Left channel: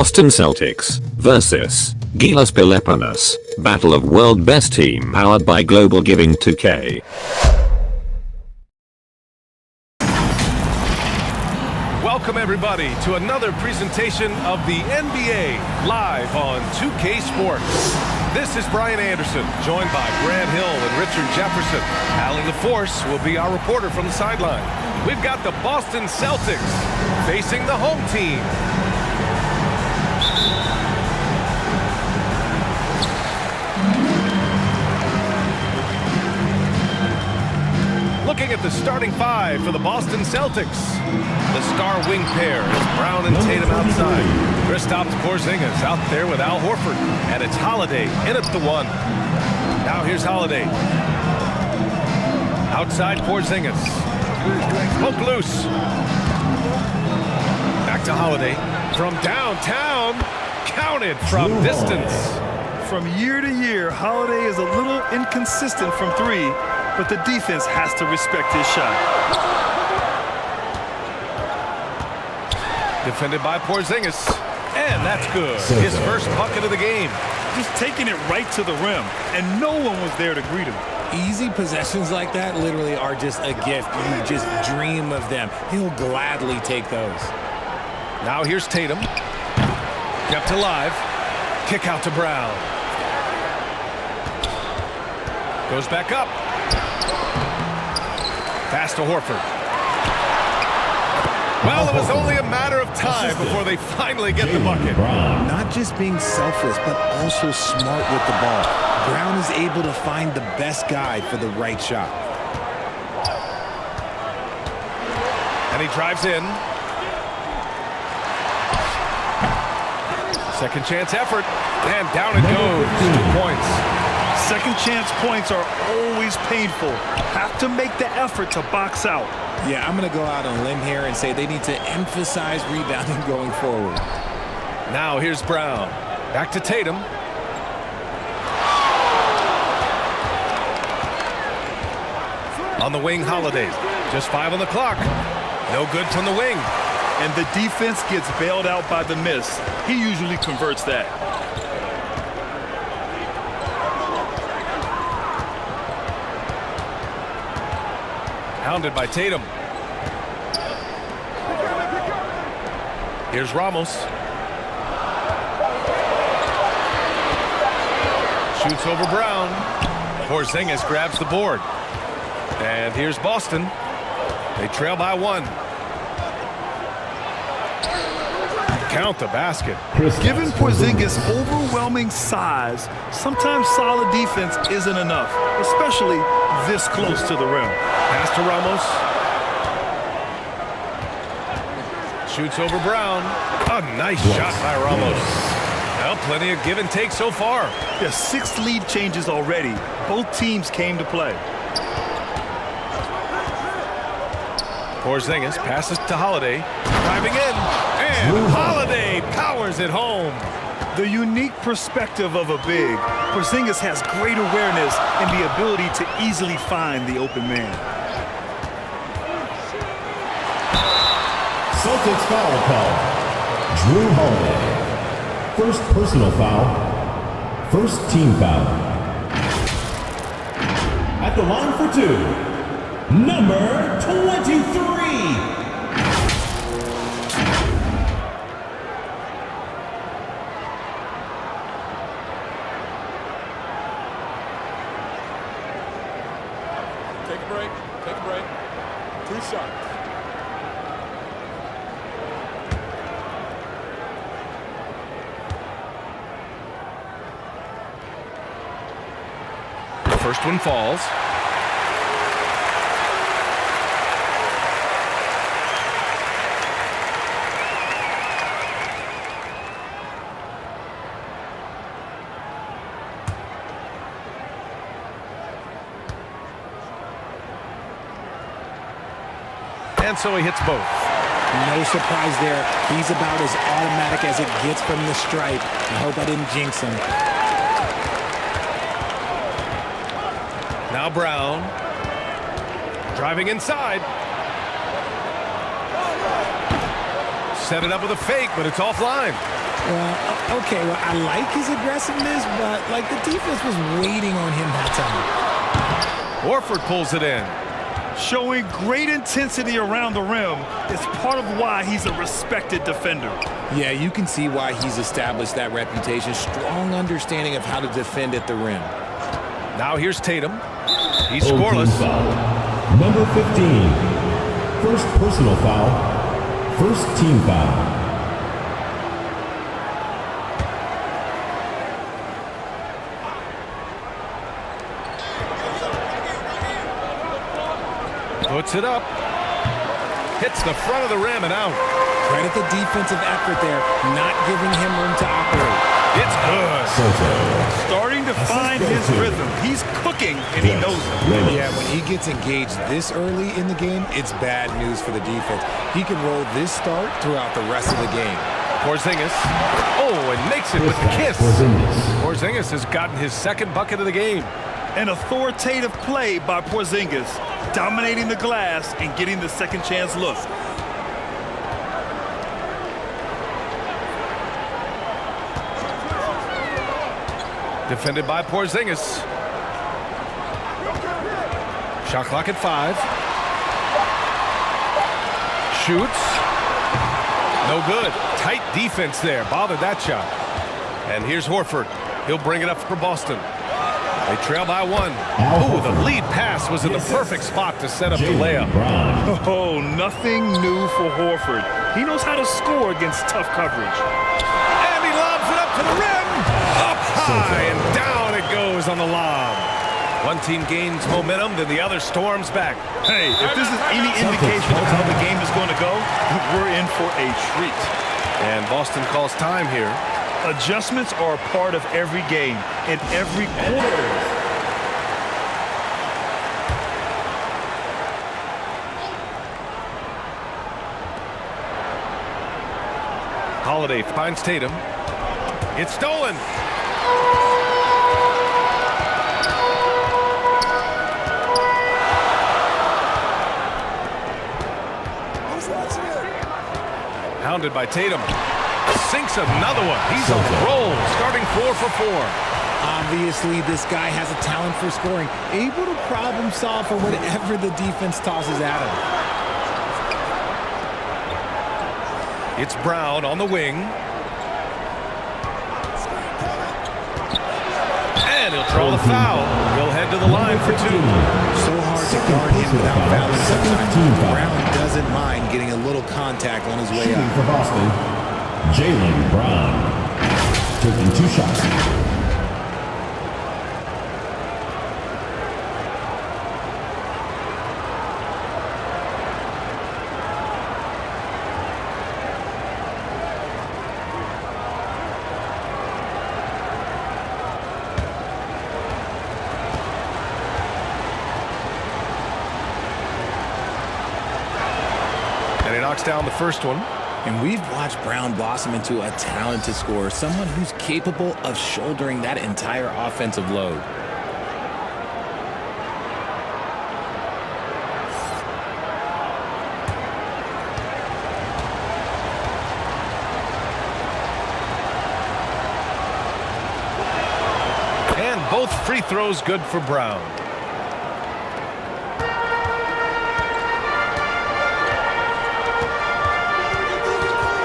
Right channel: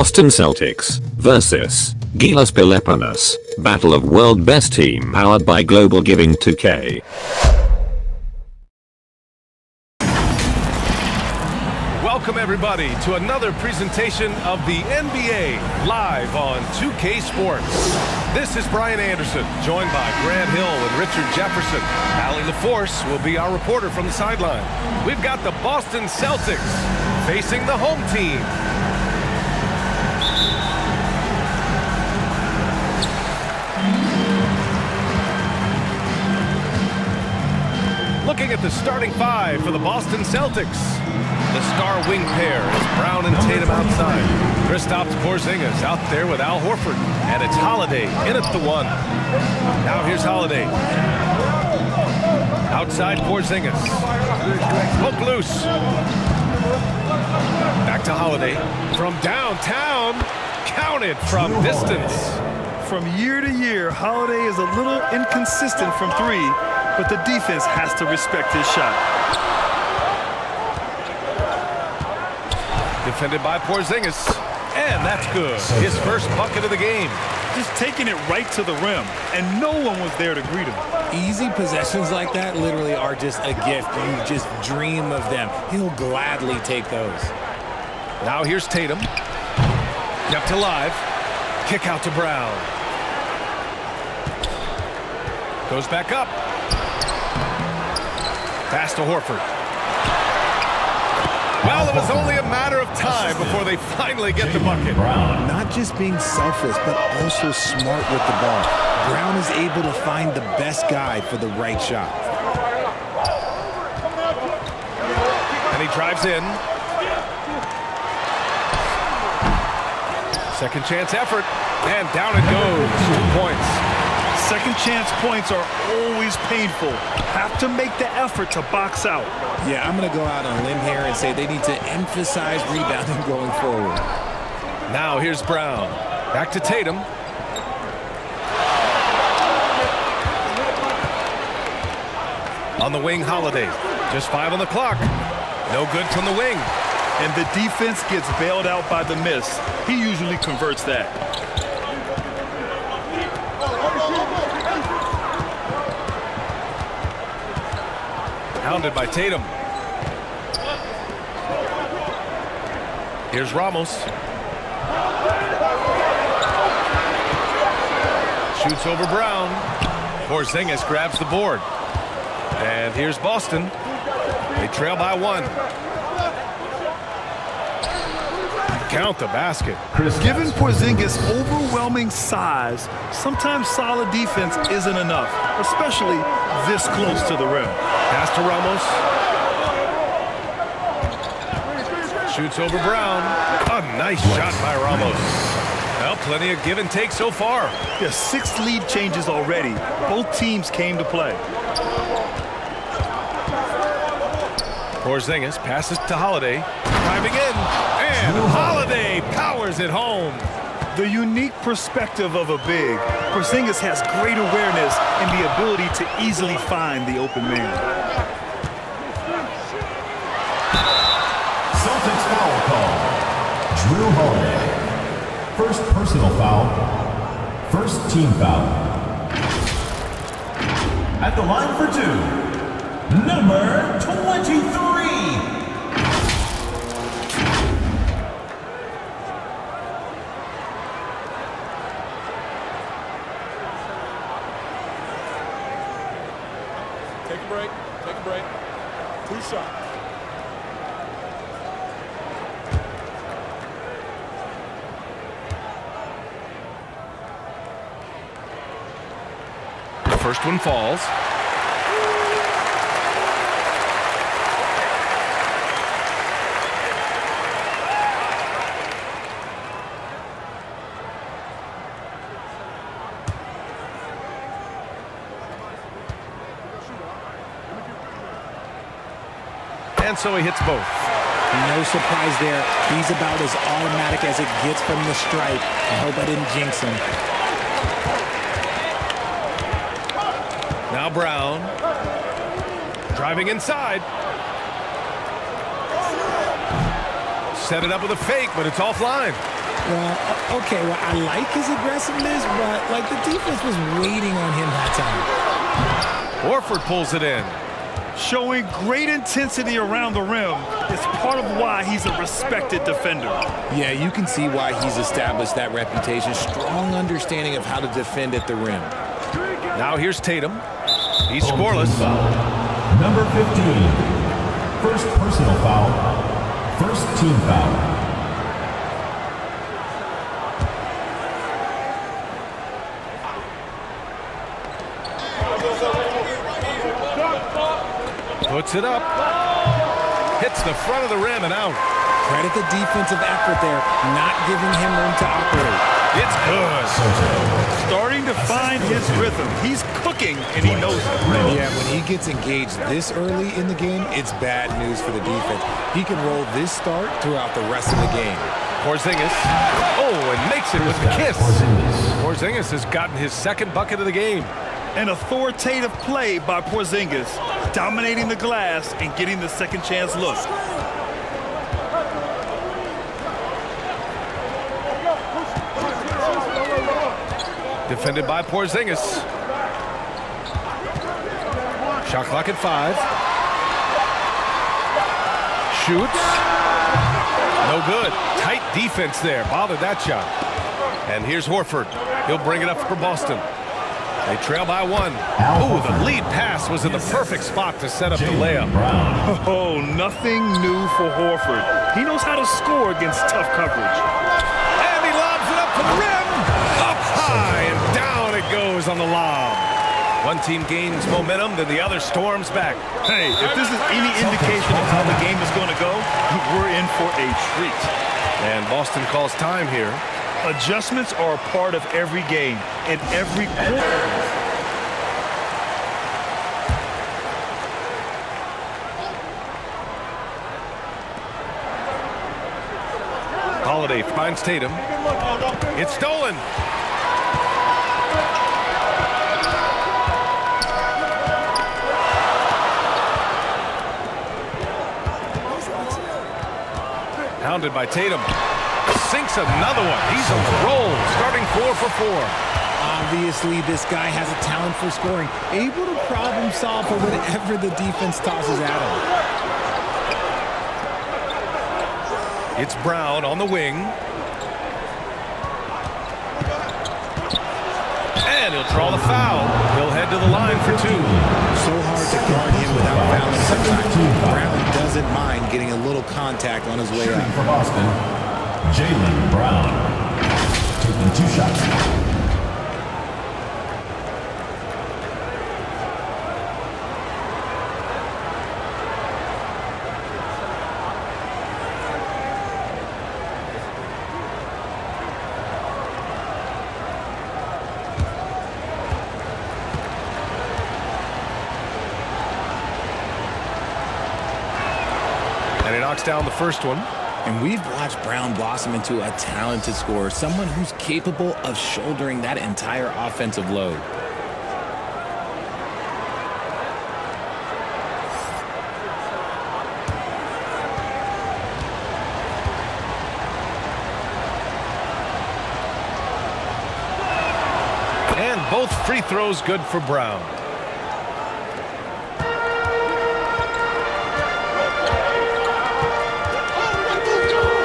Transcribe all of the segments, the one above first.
Boston Celtics versus GILAS Pilipinas, Battle of World Best Team powered by Global Giving 2K. Welcome everybody to another presentation of the NBA live on 2K Sports. This is Brian Anderson, joined by Grant Hill and Richard Jefferson. Allie LaForce will be our reporter from the sideline. We've got the Boston Celtics facing the home team. Looking at the starting five for the Boston Celtics. The star wing pair is Brown and Tatum outside. Kristaps Porzingis out there with Al Horford. And it's Holiday in at the one. Now here's Holiday. Outside Porzingis. Poke loose. Back to Holiday. From downtown. Counted from distance. From year to year, Holiday is a little inconsistent from three, but the defense has to respect his shot. Defended by Porzingis. And that's good. His first bucket of the game. Just taking it right to the rim, and no one was there to greet him. Easy possessions like that literally are just a gift. You just dream of them. He'll gladly take those. Now here's Tatum. Kept alive. Kick out to Brown. Goes back up. Pass to Horford. Well, it was only a matter of time before they finally get the bucket. Not just being selfless, but also smart with the ball. Brown is able to find the best guy for the right shot. And he drives in. Second chance effort. And down it goes. 2 points. Second chance points are always painful. Have to make the effort to box out. Yeah, I'm going to go out on a limb here and say they need to emphasize rebounding going forward. Now here's Brown. Back to Tatum. On the wing, Holiday. Just 5 on the clock. No good from the wing. And the defense gets bailed out by the miss. He usually converts that. Hounded by Tatum. Here's Ramos. Shoots over Brown. Porzingis grabs the board. And here's Boston. They trail by 1. Count the basket. Given Porzingis' overwhelming size, sometimes solid defense isn't enough, especially this close to the rim. Pass to Ramos. Shoots over Brown. A nice shot by Ramos. Well, plenty of give and take so far. Yeah, 6 lead changes already. Both teams came to play. Porzingis passes to Holiday. Driving in. And Holiday powers it home. The unique perspective of a big. Porzingis has great awareness and the ability to easily find the open man. Celtics foul call. Drew Holiday. First personal foul. First team foul. At the line for 2, number 23. Take a break. Take a break. 2 shots. The first one falls. And so he hits both. No surprise there. He's about as automatic as it gets from the stripe. I hope I didn't jinx him. Now Brown. Driving inside. Set it up with a fake, but it's offline. Well, okay, well, I like his aggressiveness, but, like, the defense was waiting on him that time. Horford pulls it in. Showing great intensity around the rim is part of why he's a respected defender. Yeah, you can see why he's established that reputation. Strong understanding of how to defend at the rim. Now here's Tatum. He's Team scoreless. foul. Number 15. First personal foul. First team foul. Puts it up. Hits the front of the rim and out. Credit the defensive effort there, not giving him room to operate. It's good. Starting to find his rhythm. He's cooking, and he knows it. Yeah, when he gets engaged this early in the game, it's bad news for the defense. He can roll this start throughout the rest of the game. Porzingis. Oh, and makes it with the kiss. Porzingis has gotten his second bucket of the game. An authoritative play by Porzingis, dominating the glass and getting the second chance look. Defended by Porzingis. Shot clock at 5. Shoots. No good. Tight defense there. Bothered that shot. And here's Horford. He'll bring it up for Boston. They trail by 1. Oh, the lead pass was in the perfect spot to set up the layup. Oh, nothing new for Horford. He knows how to score against tough coverage. And he lobs it up to the rim. Up high and down it goes on the lob. One team gains momentum, then the other storms back. Hey, if this is any indication of how the game is going to go, we're in for a treat. And Boston calls time here. Adjustments are a part of every game and every quarter. Holiday finds Tatum. It's stolen. Hounded by Tatum. Sinks another one. He's on the roll, starting 4 for 4. Obviously, this guy has a talent for scoring, able to problem solve for whatever the defense tosses at him. It's Brown on the wing. And he'll draw the foul. He'll head to the line for 2. So hard to guard him without fouling sometimes. Brown doesn't mind getting a little contact on his way Shooting up. for Boston, Jaylen Brown. Taking 2 shots. And he knocks down the first one. And we've watched Brown blossom into a talented scorer, someone who's capable of shouldering that entire offensive load. And both free throws good for Brown.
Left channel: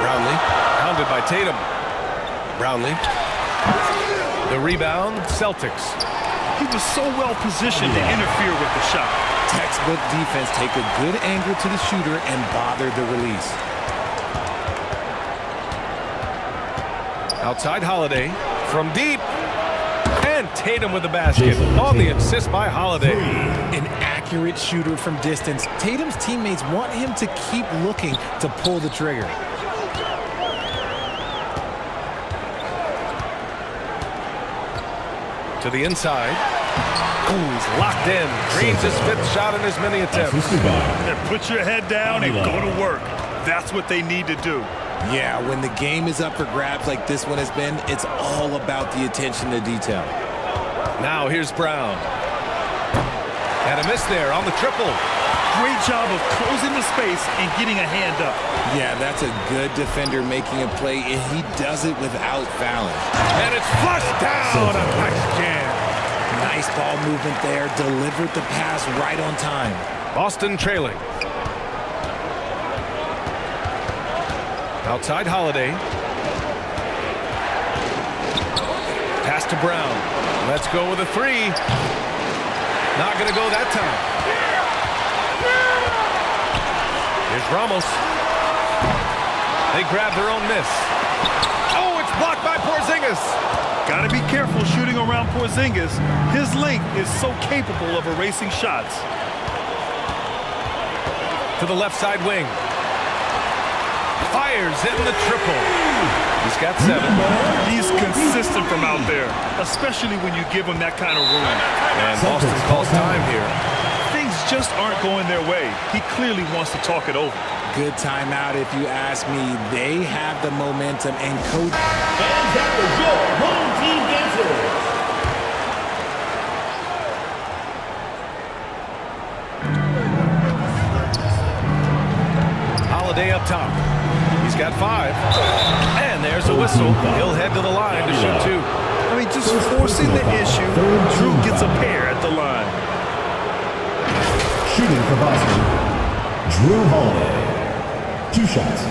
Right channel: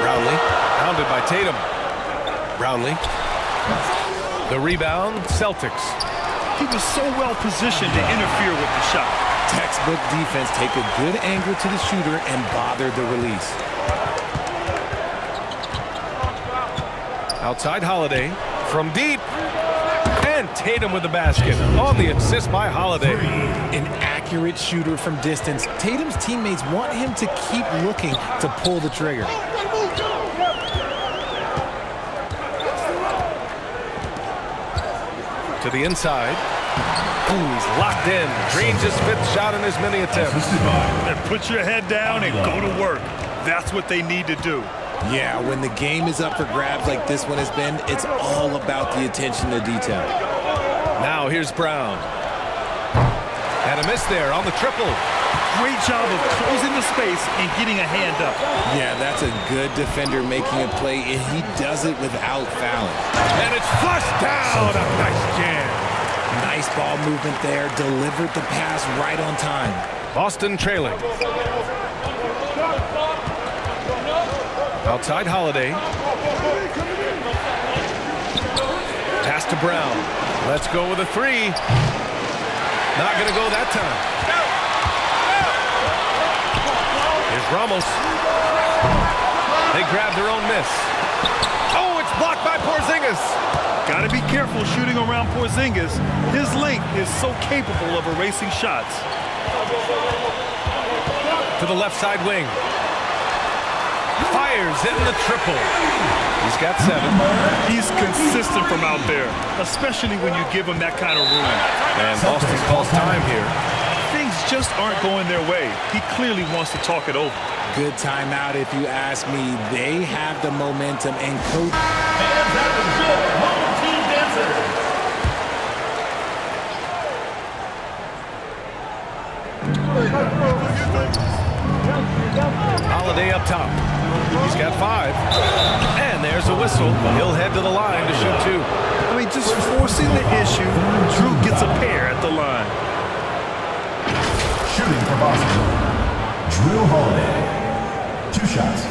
Brownlee, hounded by Tatum. Brownlee. The rebound, Celtics. He was so well positioned to interfere with the shot. Textbook defense, take a good angle to the shooter and bother the release. Outside Holiday from deep. And Tatum with the basket on the assist by Holiday. An accurate shooter from distance. Tatum's teammates want him to keep looking to pull the trigger. To the inside. Ooh, he's locked in. Drains his 5th shot in as many attempts. And put your head down and go to work. That's what they need to do. Yeah, when the game is up for grabs like this one has been, it's all about the attention to detail. Now here's Brown. And a miss there on the triple. Great job of closing the space and getting a hand up. Yeah, that's a good defender making a play, and he does it without fouling. And it's flushed down. A nice jam. Nice ball movement there. Delivered the pass right on time. Boston trailing. Outside Holiday. Pass to Brown. Let's go with a three. Not going to go that time. Here's Ramos. They grab their own miss. Oh, it's blocked by Porzingis. Got to be careful shooting around Porzingis. His length is so capable of erasing shots. To the left side wing. Fires in the triple. He's got 7. He's consistent from out there, especially when you give him that kind of room. And Boston calls time here. Things just aren't going their way. He clearly wants to talk it over. Good timeout if you ask me. They have the momentum and coach. And that was your home team dancers. Holiday up top. He's got 5. And there's a whistle. He'll head to the line to shoot 2. I mean, just forcing the issue. Drew gets a pair at the line. Shooting for Boston, Drew Holiday. 2 shots.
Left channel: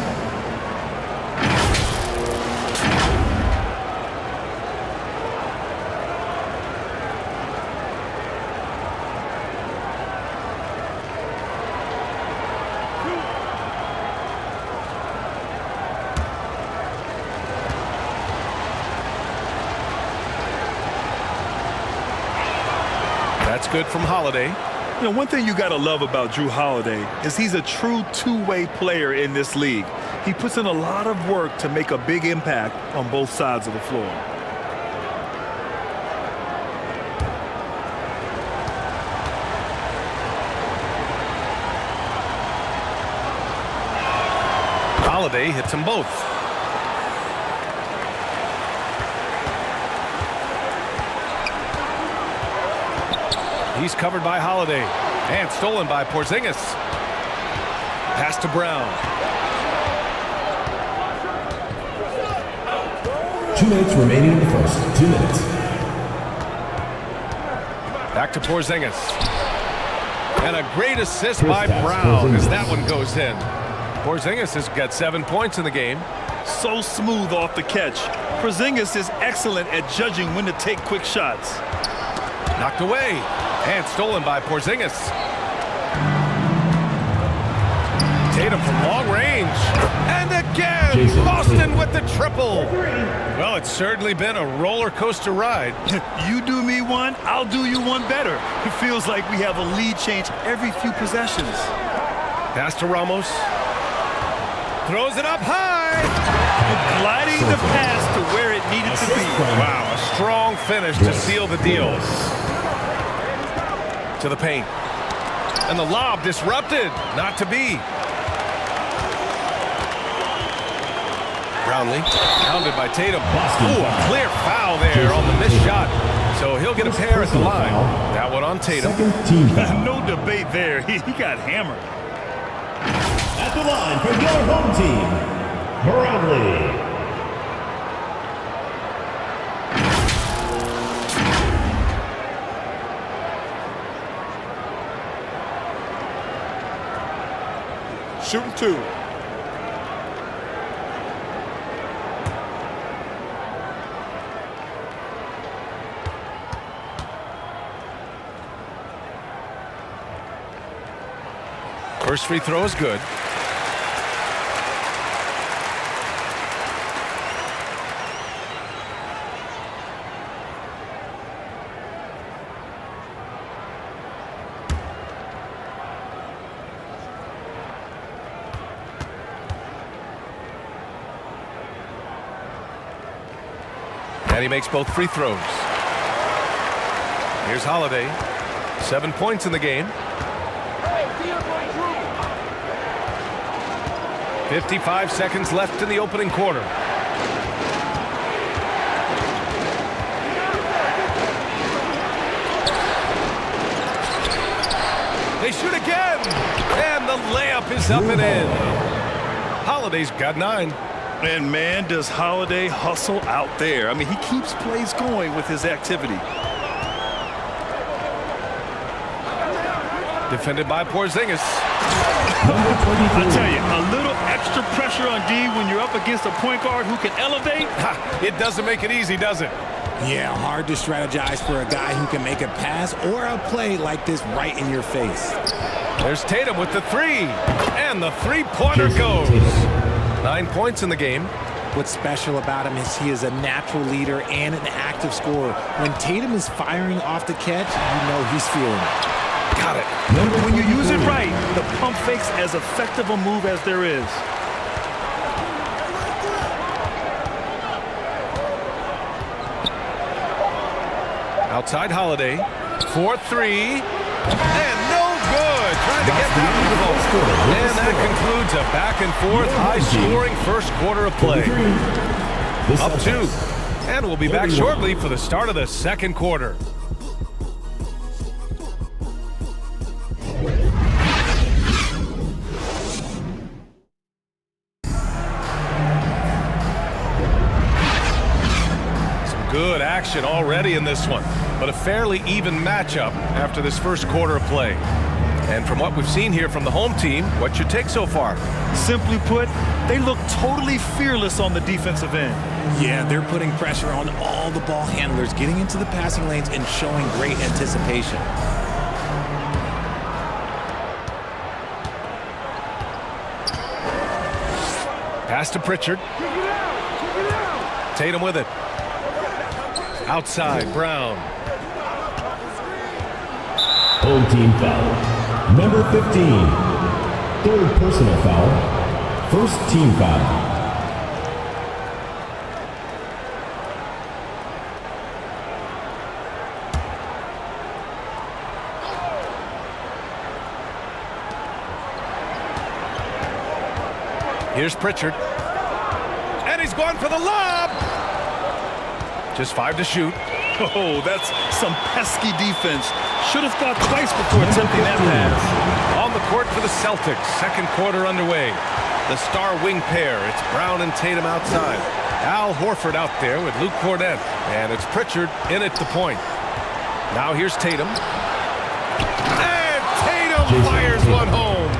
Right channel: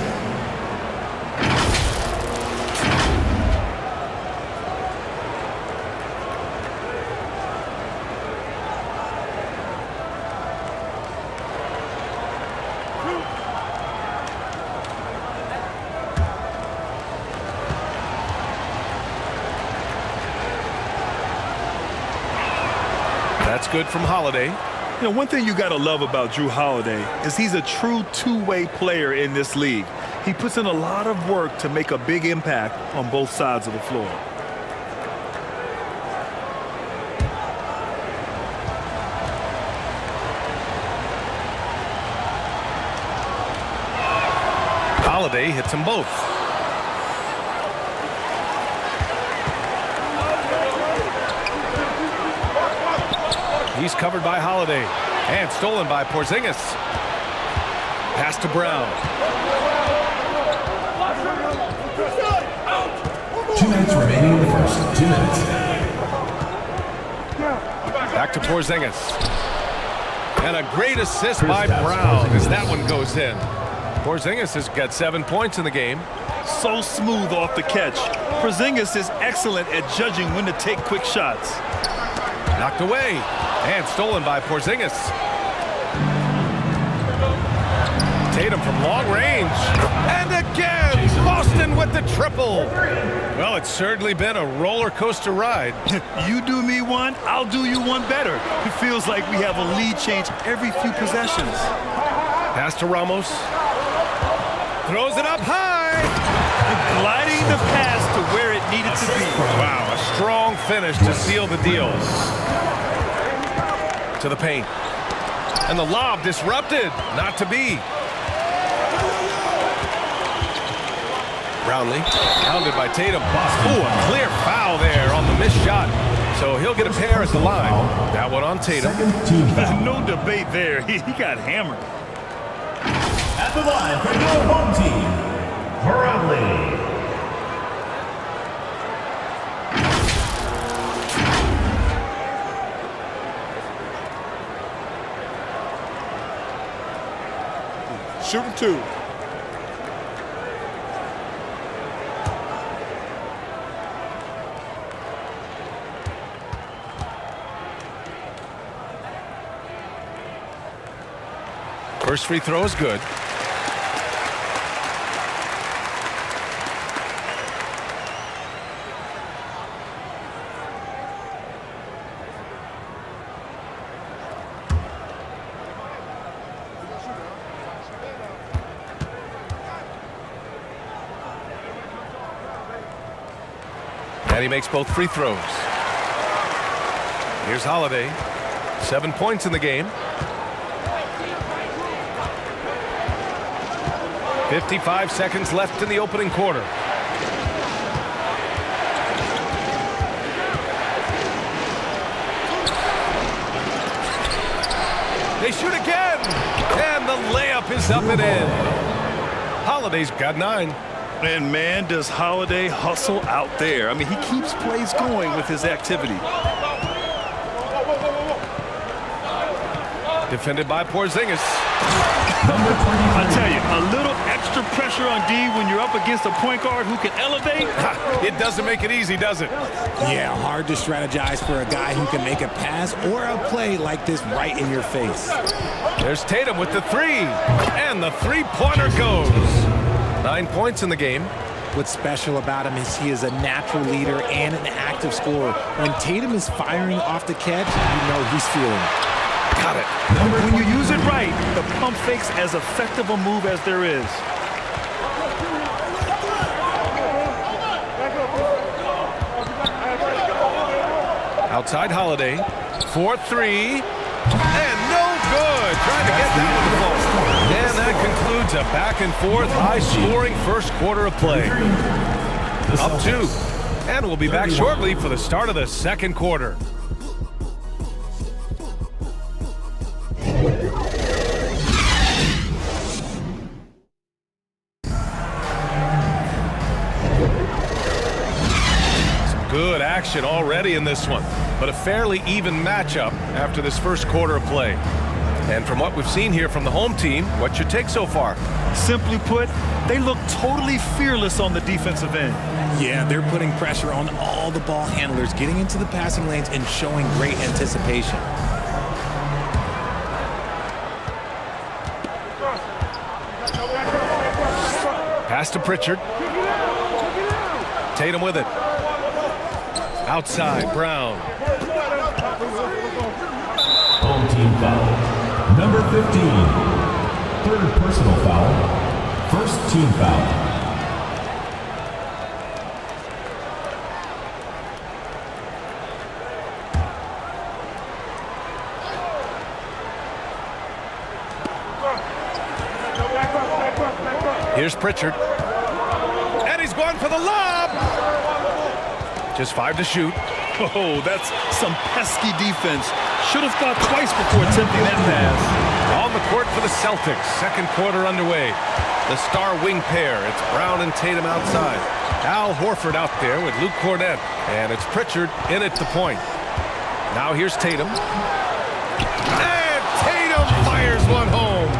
That's good from Holiday. You know, one thing you got to love about Drew Holiday is he's a true two-way player in this league. He puts in a lot of work to make a big impact on both sides of the floor. Holiday hits them both. He's covered by Holiday and stolen by Porzingis. Pass to Brown. 2 minutes remaining in the first. 2 minutes. Back to Porzingis. And a great assist by Brown as that one goes in. Porzingis has got 7 points in the game. So smooth off the catch. Porzingis is excellent at judging when to take quick shots. Knocked away and stolen by Porzingis. Tatum from long range. And again, Boston with the triple. Well, it's certainly been a roller coaster ride. You do me one, I'll do you one better. It feels like we have a lead change every few possessions. Pass to Ramos. Throws it up high. Gliding the pass to where it needed to be. Wow, a strong finish to seal the deal. To the paint. And the lob disrupted. Not to be. Brownlee, pounded by Tatum. Ooh, a clear foul there on the missed shot. So he'll get a pair at the line. That one on Tatum. Second team foul. No debate there. He got hammered. At the line for your home team, Meralco. Shooting 2. First free throw is good. And he makes both free throws. Here's Holiday. 7 points in the game. 55 seconds left in the opening quarter. They shoot again. And the layup is up and in. Holiday's got 9. And man, does Holiday hustle out there. I mean, he keeps plays going with his activity. Defended by Porzingis. I tell you, a little extra pressure on D when you're up against a point guard who can elevate. It doesn't make it easy, does it? Yeah, hard to strategize for a guy who can make a pass or a play like this right in your face. There's Tatum with the 3. And the three-pointer goes. 9 points in the game. What's special about him is he is a natural leader and an active scorer. When Tatum is firing off the catch, you know he's feeling it. Got it. When you use it right, the pump fake's as effective a move as there is. Outside Holiday. 4-3. And no good. Trying to get that one to fall. And that concludes a back-and-forth, high-scoring first quarter of play. Up 2. And we'll be back shortly for the start of the second quarter. Good action already in this one, but a fairly even matchup after this first quarter of play. And from what we've seen here from the home team, what's your take so far? Simply put, they look totally fearless on the defensive end. Yeah, they're putting pressure on all the ball handlers, getting into the passing lanes and showing great anticipation. Pass to Pritchard. Tatum with it. Outside, Brown. Home team foul. Number 15. Third personal foul. First team foul. Here's Pritchard. And he's going for the lob. Just 5 to shoot. Oh, that's some pesky defense. Should have thought twice before attempting that pass. On the court for the Celtics. Second quarter underway. The star wing pair. It's Brown and Tatum outside. Al Horford out there with Luke Cornett. And it's Pritchard in at the point. Now here's Tatum. And Tatum fires one home.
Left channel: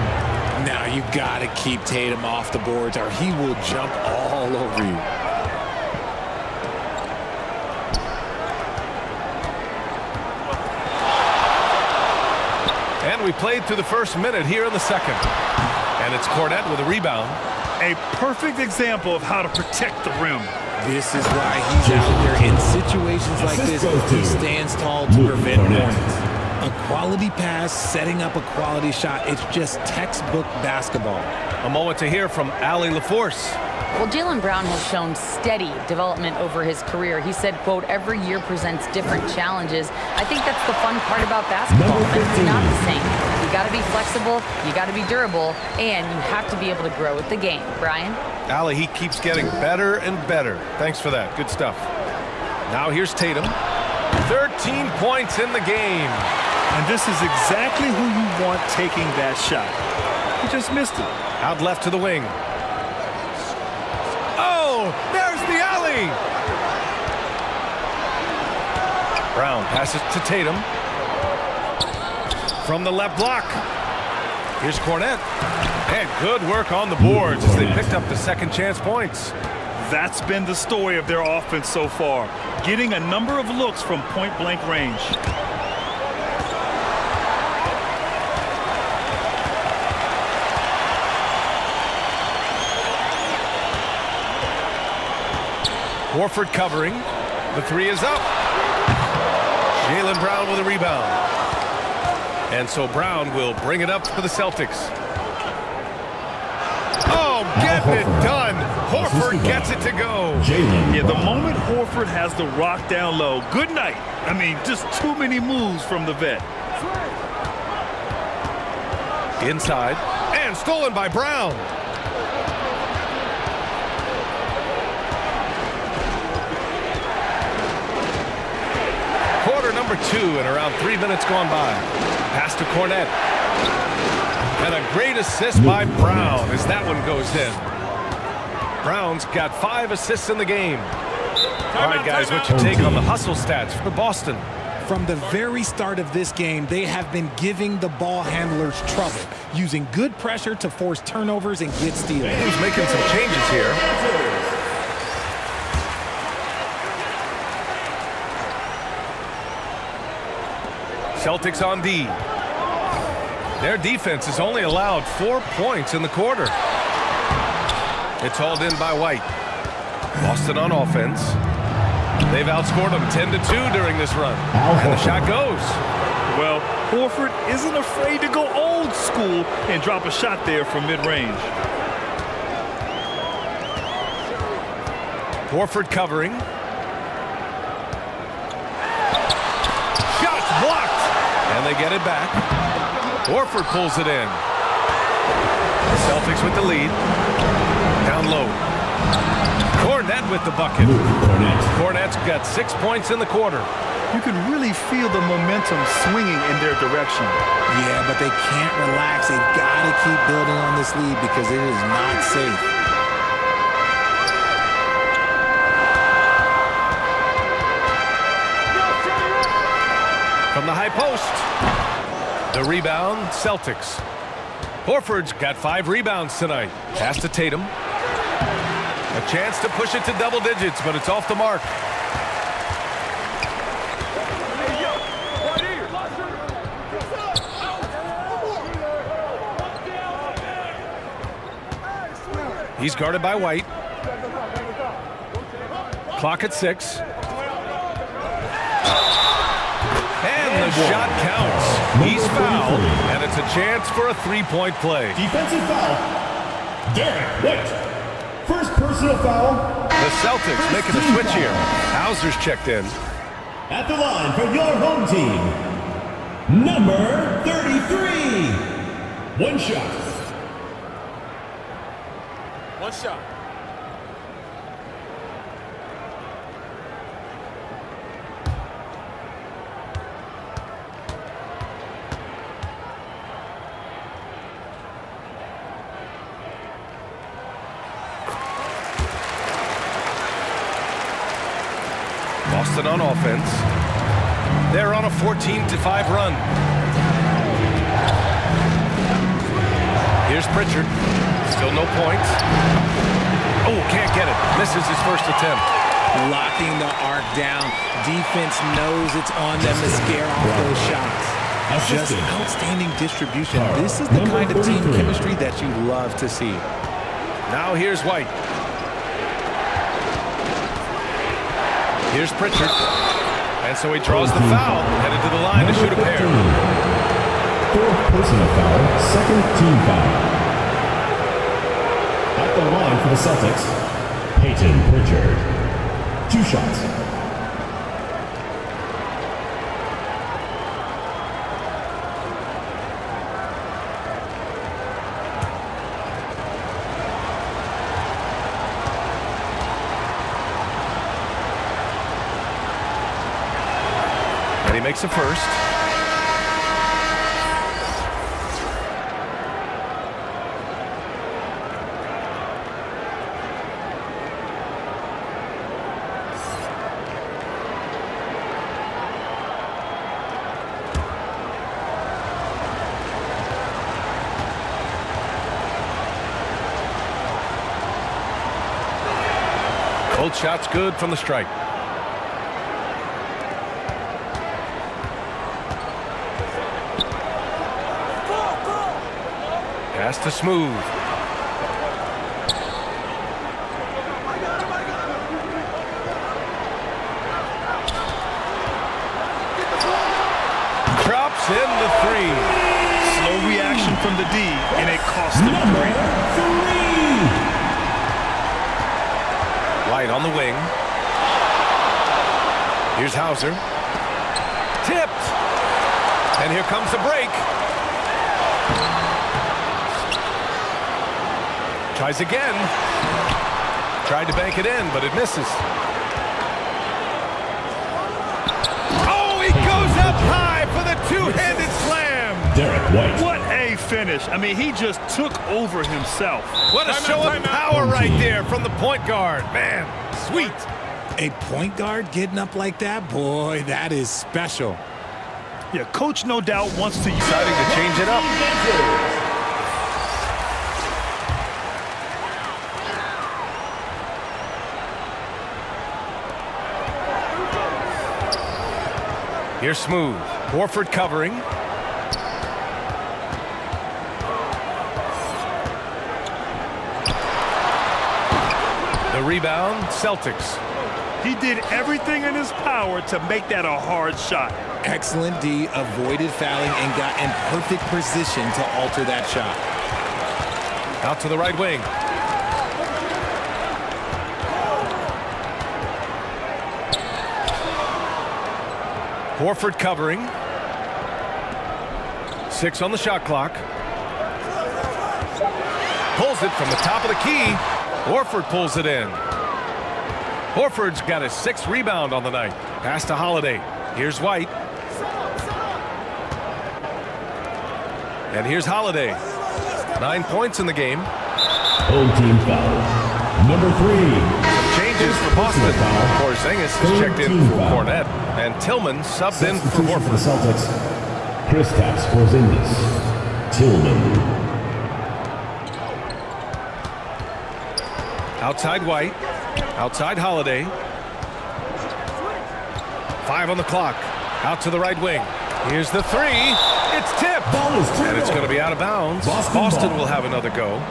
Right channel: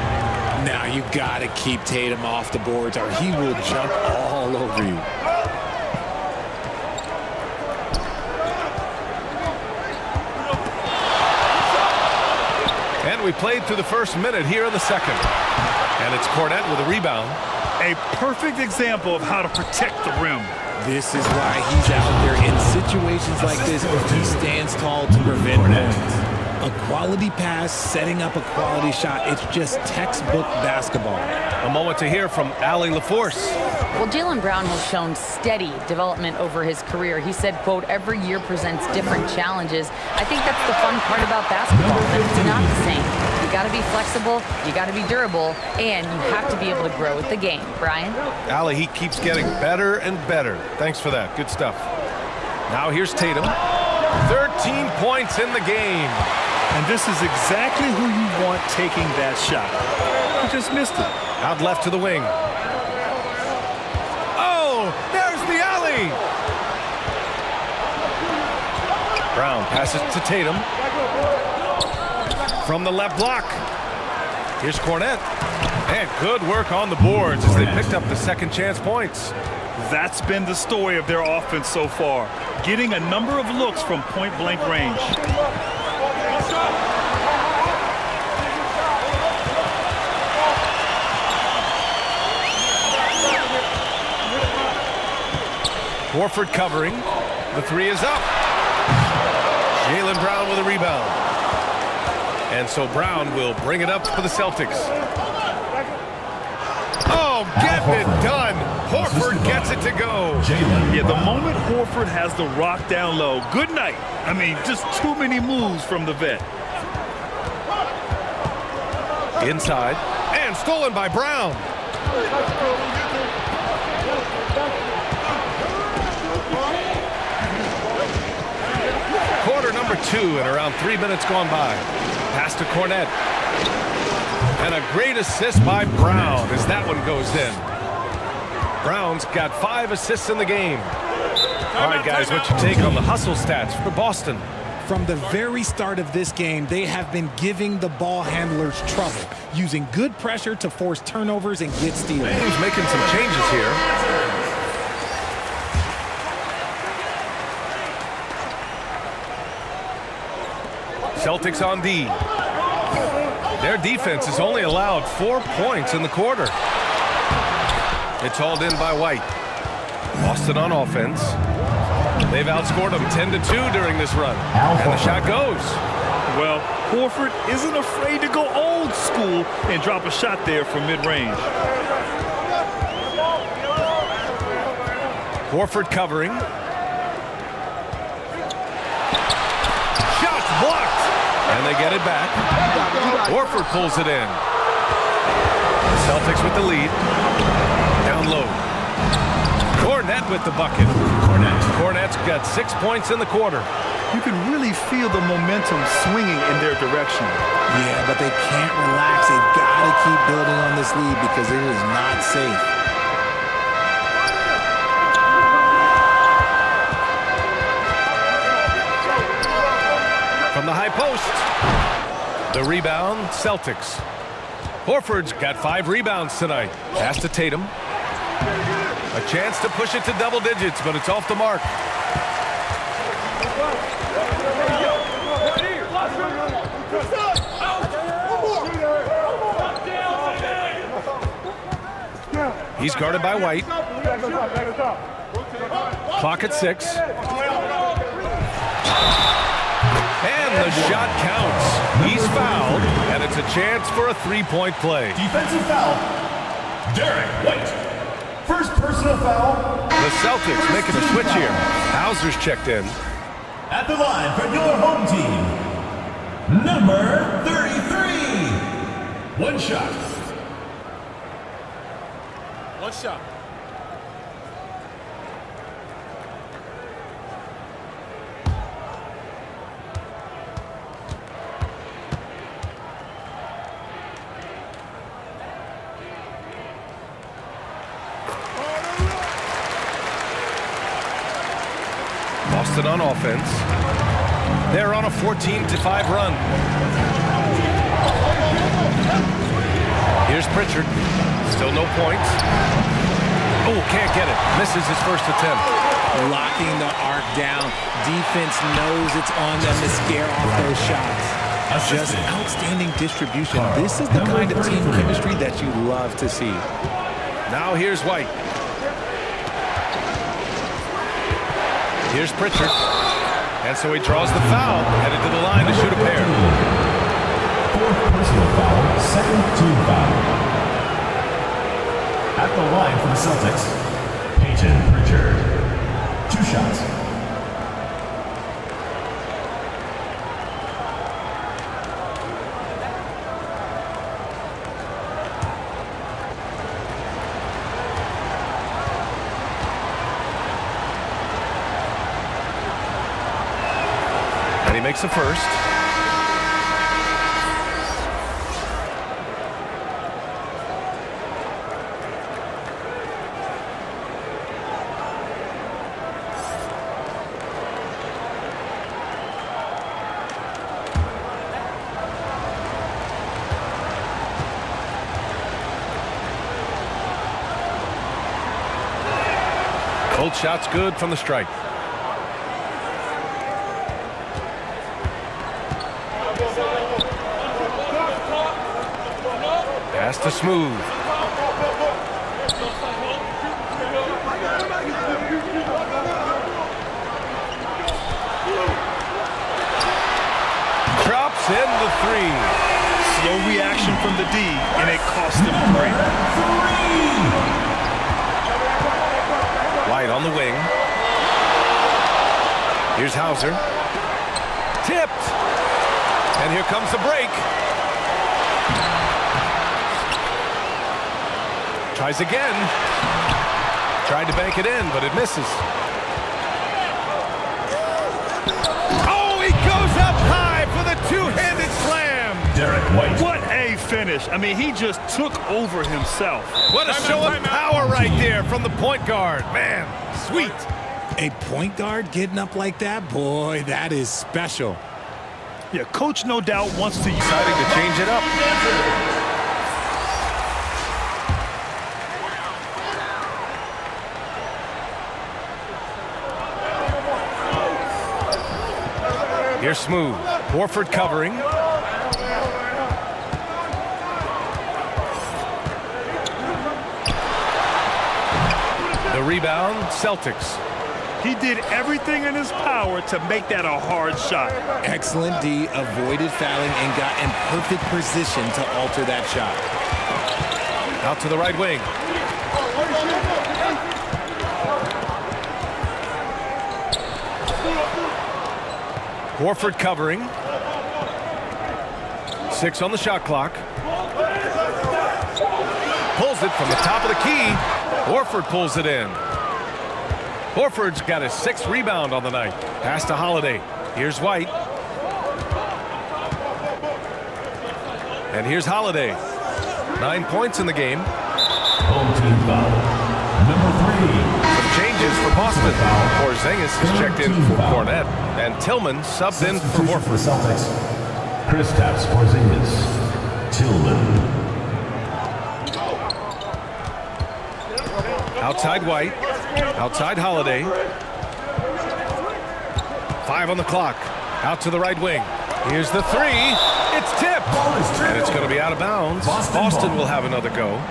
Now you got to keep Tatum off the boards or he will jump all over you. And we played through the first minute here in the second. And it's Cornett with a rebound. A perfect example of how to protect the rim. This is why he's out there in situations like this. He stands tall to prevent points. A quality pass, setting up a quality shot. It's just textbook basketball. A moment to hear from Allie LaForce. Well, Jaylen Brown has shown steady development over his career. He said, quote, every year presents different challenges. I think that's the fun part about basketball, but it's not the same. You got to be flexible, you got to be durable, and you have to be able to grow with the game. Brian? Allie, he keeps getting better and better. Thanks for that. Good stuff. Now here's Tatum. 13 points in the game. And this is exactly who you want taking that shot. He just missed it. Out left to the wing. Oh, there's the alley. Brown passes to Tatum. From the left block. Here's Cornett. And good work on the boards as they picked up the second chance points. That's been the story of their offense so far. Getting a number of looks from point-blank range. Horford covering. The 3 is up. Jaylen Brown with a rebound. And so Brown will bring it up for the Celtics. Oh, getting it done. Horford gets it to go. Yeah, the moment Horford has the rock down low, good night. I mean, just too many moves from the vet. Inside. And stolen by Brown. Quarter number 2 and around 3 minutes gone by. Pass to Cornett. And a great assist by Brown as that one goes in. Brown's got 5 assists in the game. All right, guys, what's your take on the hustle stats for Boston? From the very start of this game, they have been giving the ball handlers trouble, using good pressure to force turnovers and get steals. He's making some changes here. Celtics on D. Their defense has only allowed 4 points in the quarter. It's hauled in by White. Boston on offense. They've outscored them 10-2 during this run. And the shot goes. Well, Horford isn't afraid to go old school and drop a shot there from mid-range. Horford covering. Shots blocked. And they get it back. Horford pulls it in. The Celtics with the lead. Down low. Cornette with the bucket. Cornette's got 6 points in the quarter. You can really feel the momentum swinging in their direction. Yeah, but they can't relax. They've got to keep building on this lead because it is not safe. From the high post. The rebound, Celtics. Horford's got 5 rebounds tonight. Pass to Tatum. A chance to push it to double digits, but it's off the mark. He's guarded by White. Clock at 6. And the shot counts. He's fouled, and it's a chance for a 3-point play. Defensive foul. Derek White. First personal foul. The Celtics making a switch here. Hauser's checked in. At the line for your home team, number 33. One shot. One shot. Boston on offense. They're on a 14-5 run. Here's Pritchard. Still no points. Oh, can't get it. Misses his first attempt. Locking the arc down. Defense knows it's on them to scare off those shots. Just outstanding distribution. This is the kind of team chemistry that you love to see. Now here's White. Here's Pritchard. And so he draws the foul, headed to the line to shoot a pair. 4th personal foul, 2nd team foul. At the line for the Celtics, Peyton Pritchard. 2 shots. And he makes a first. Both shots good from the stripe. Pass to Smooth. Drops in the 3. Slow reaction from the D, and it cost him 3. White on the wing. Here's Hauser. Tipped. And here comes the break. Tries again. Tried to bank it in, but it misses. Oh, he goes up high for the two-handed slam. Derek White. What a finish. I mean, he just took over himself. What a show of power right there from the point guard. Man, sweet. A point guard getting up like that? Boy, that is special. Yeah, coach no doubt wants to Deciding to change it up. Here's Smooth. Horford covering. The rebound, Celtics. He did everything in his power to make that a hard shot. Excellent D, avoided fouling and got in perfect position to alter that shot. Out to the right wing. Horford covering. 6 on the shot clock. Pulls it from the top of the key. Horford pulls it in. Horford's got his 6th rebound on the night. Pass to Holiday. Here's White. And here's Holiday. 9 points in the game. Home team foul. Number 3. Some changes for Boston. Porzingis is checked in for Cornette. And Tillman subbed in for Horford. Celtics. Kristaps Porzingis. Tillman. Outside White. Outside Holiday. 5 on the clock. Out to the right wing. Here's the 3. It's tipped. Ball is And it's going to be out of bounds. Boston will have another go.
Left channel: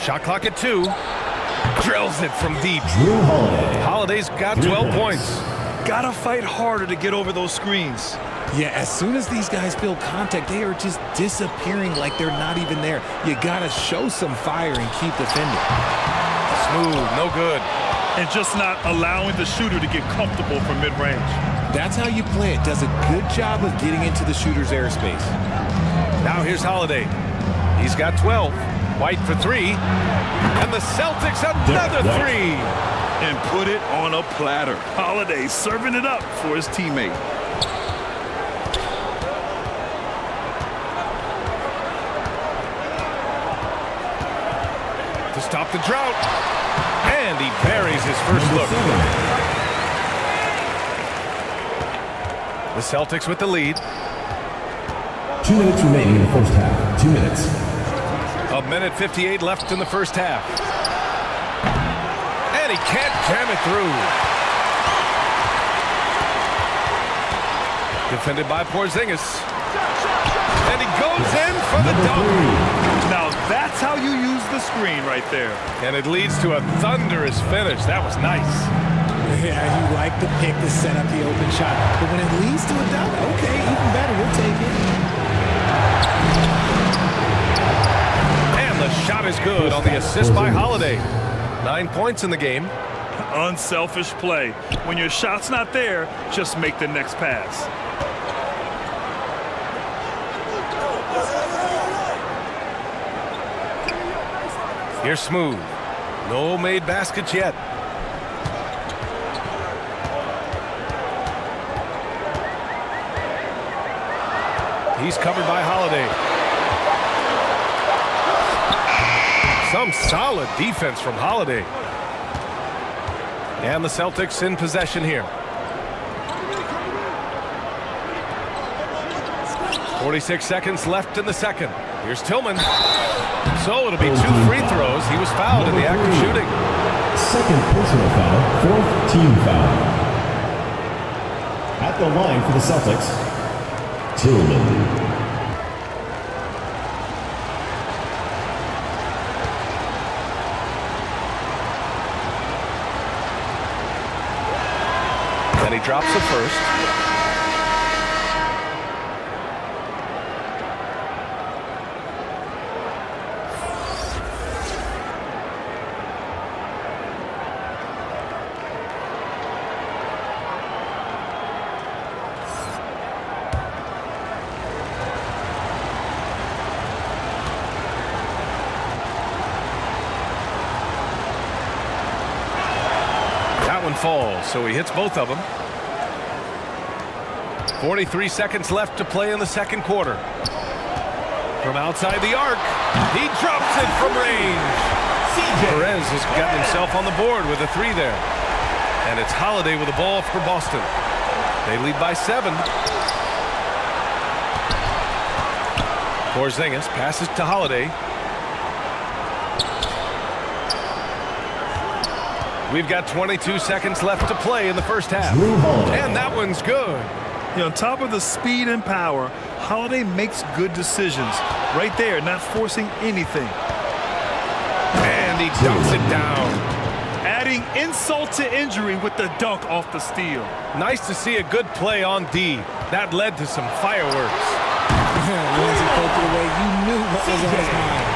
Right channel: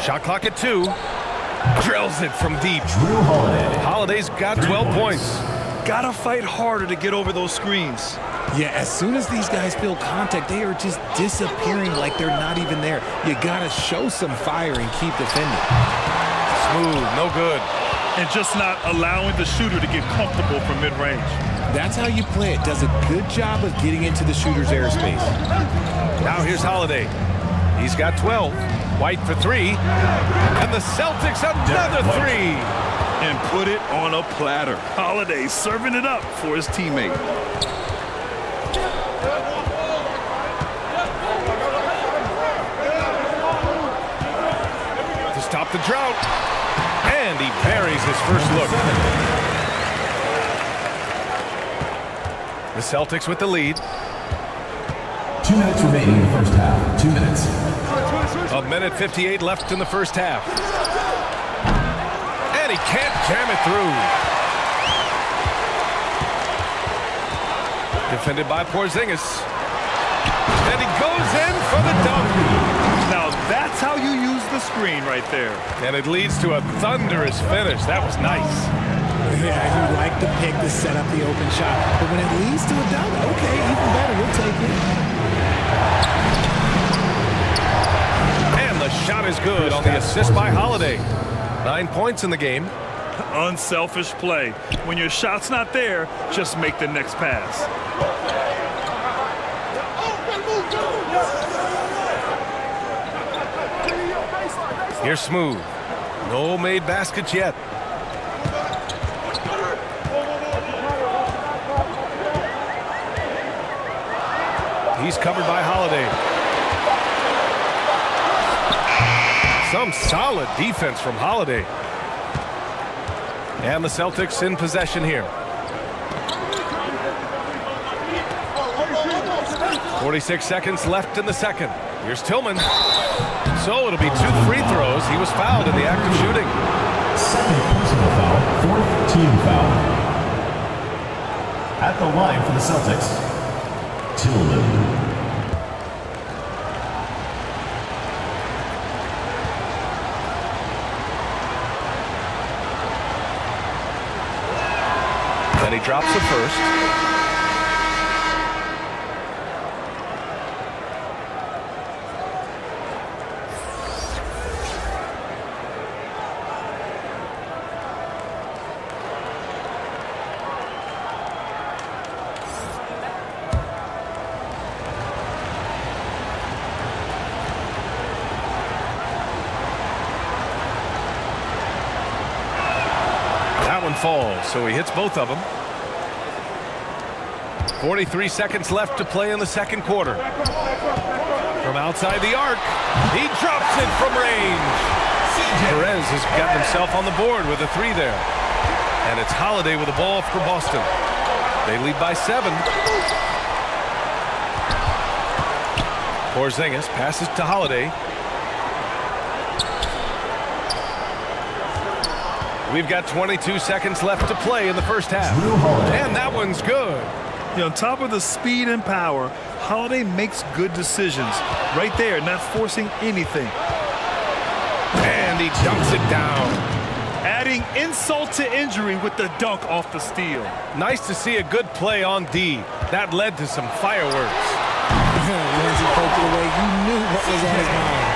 Shot clock at 2. Drills it from deep. Drew Holiday. Holiday's got 12 points. Gotta fight harder to get over those screens. Yeah, as soon as these guys feel contact, they are just disappearing like they're not even there. You gotta show some fire and keep defending. Smooth, no good. And just not allowing the shooter to get comfortable from mid-range. That's how you play it. Does a good job of getting into the shooter's airspace. Now here's Holiday. He's got 12. White for 3. And the Celtics another 3. And put it on a platter. Holiday serving it up for his teammate. To stop the drought. And he buries his first look. The Celtics with the lead. 2 minutes remaining in the first half. 2 minutes. A minute 58 left in the first half. And he can't jam it through. Defended by Porzingis. And he goes in for the dunk. Now that's how you use the screen right there. And it leads to a thunderous finish. That was nice. Yeah, you like the pick to set up the open shot. But when it leads to a dunk, okay, even better, you'll take it. And the shot is good on the assist by Holiday. 9 points in the game. Unselfish play. When your shot's not there, just make the next pass. Here's Smooth. No made baskets yet. He's covered by Holiday. Some solid defense from Holiday. And the Celtics in possession here. 46 seconds left in the second. Here's Tillman. So it'll be 2 free throws. He was fouled in the act of shooting. Second personal foul. 4th team foul. At the line for the Celtics, Tillman. And he drops the first. That one falls, so he hits both of them. 43 seconds left to play in the second quarter. From outside the arc, he drops it from range. Perez has gotten himself on the board with a 3 there. And it's Holiday with the ball for Boston. They lead by 7. Porzingis passes to Holiday. We've got 22 seconds left to play in the first half. And that one's good. On top of the speed and power, Holiday makes good decisions. Right there, not forcing anything. And he dunks it down. Adding insult to injury with the dunk off the steal. Nice to see a good play on D. That led to some fireworks. Once he poked it away, you knew what was on his mind.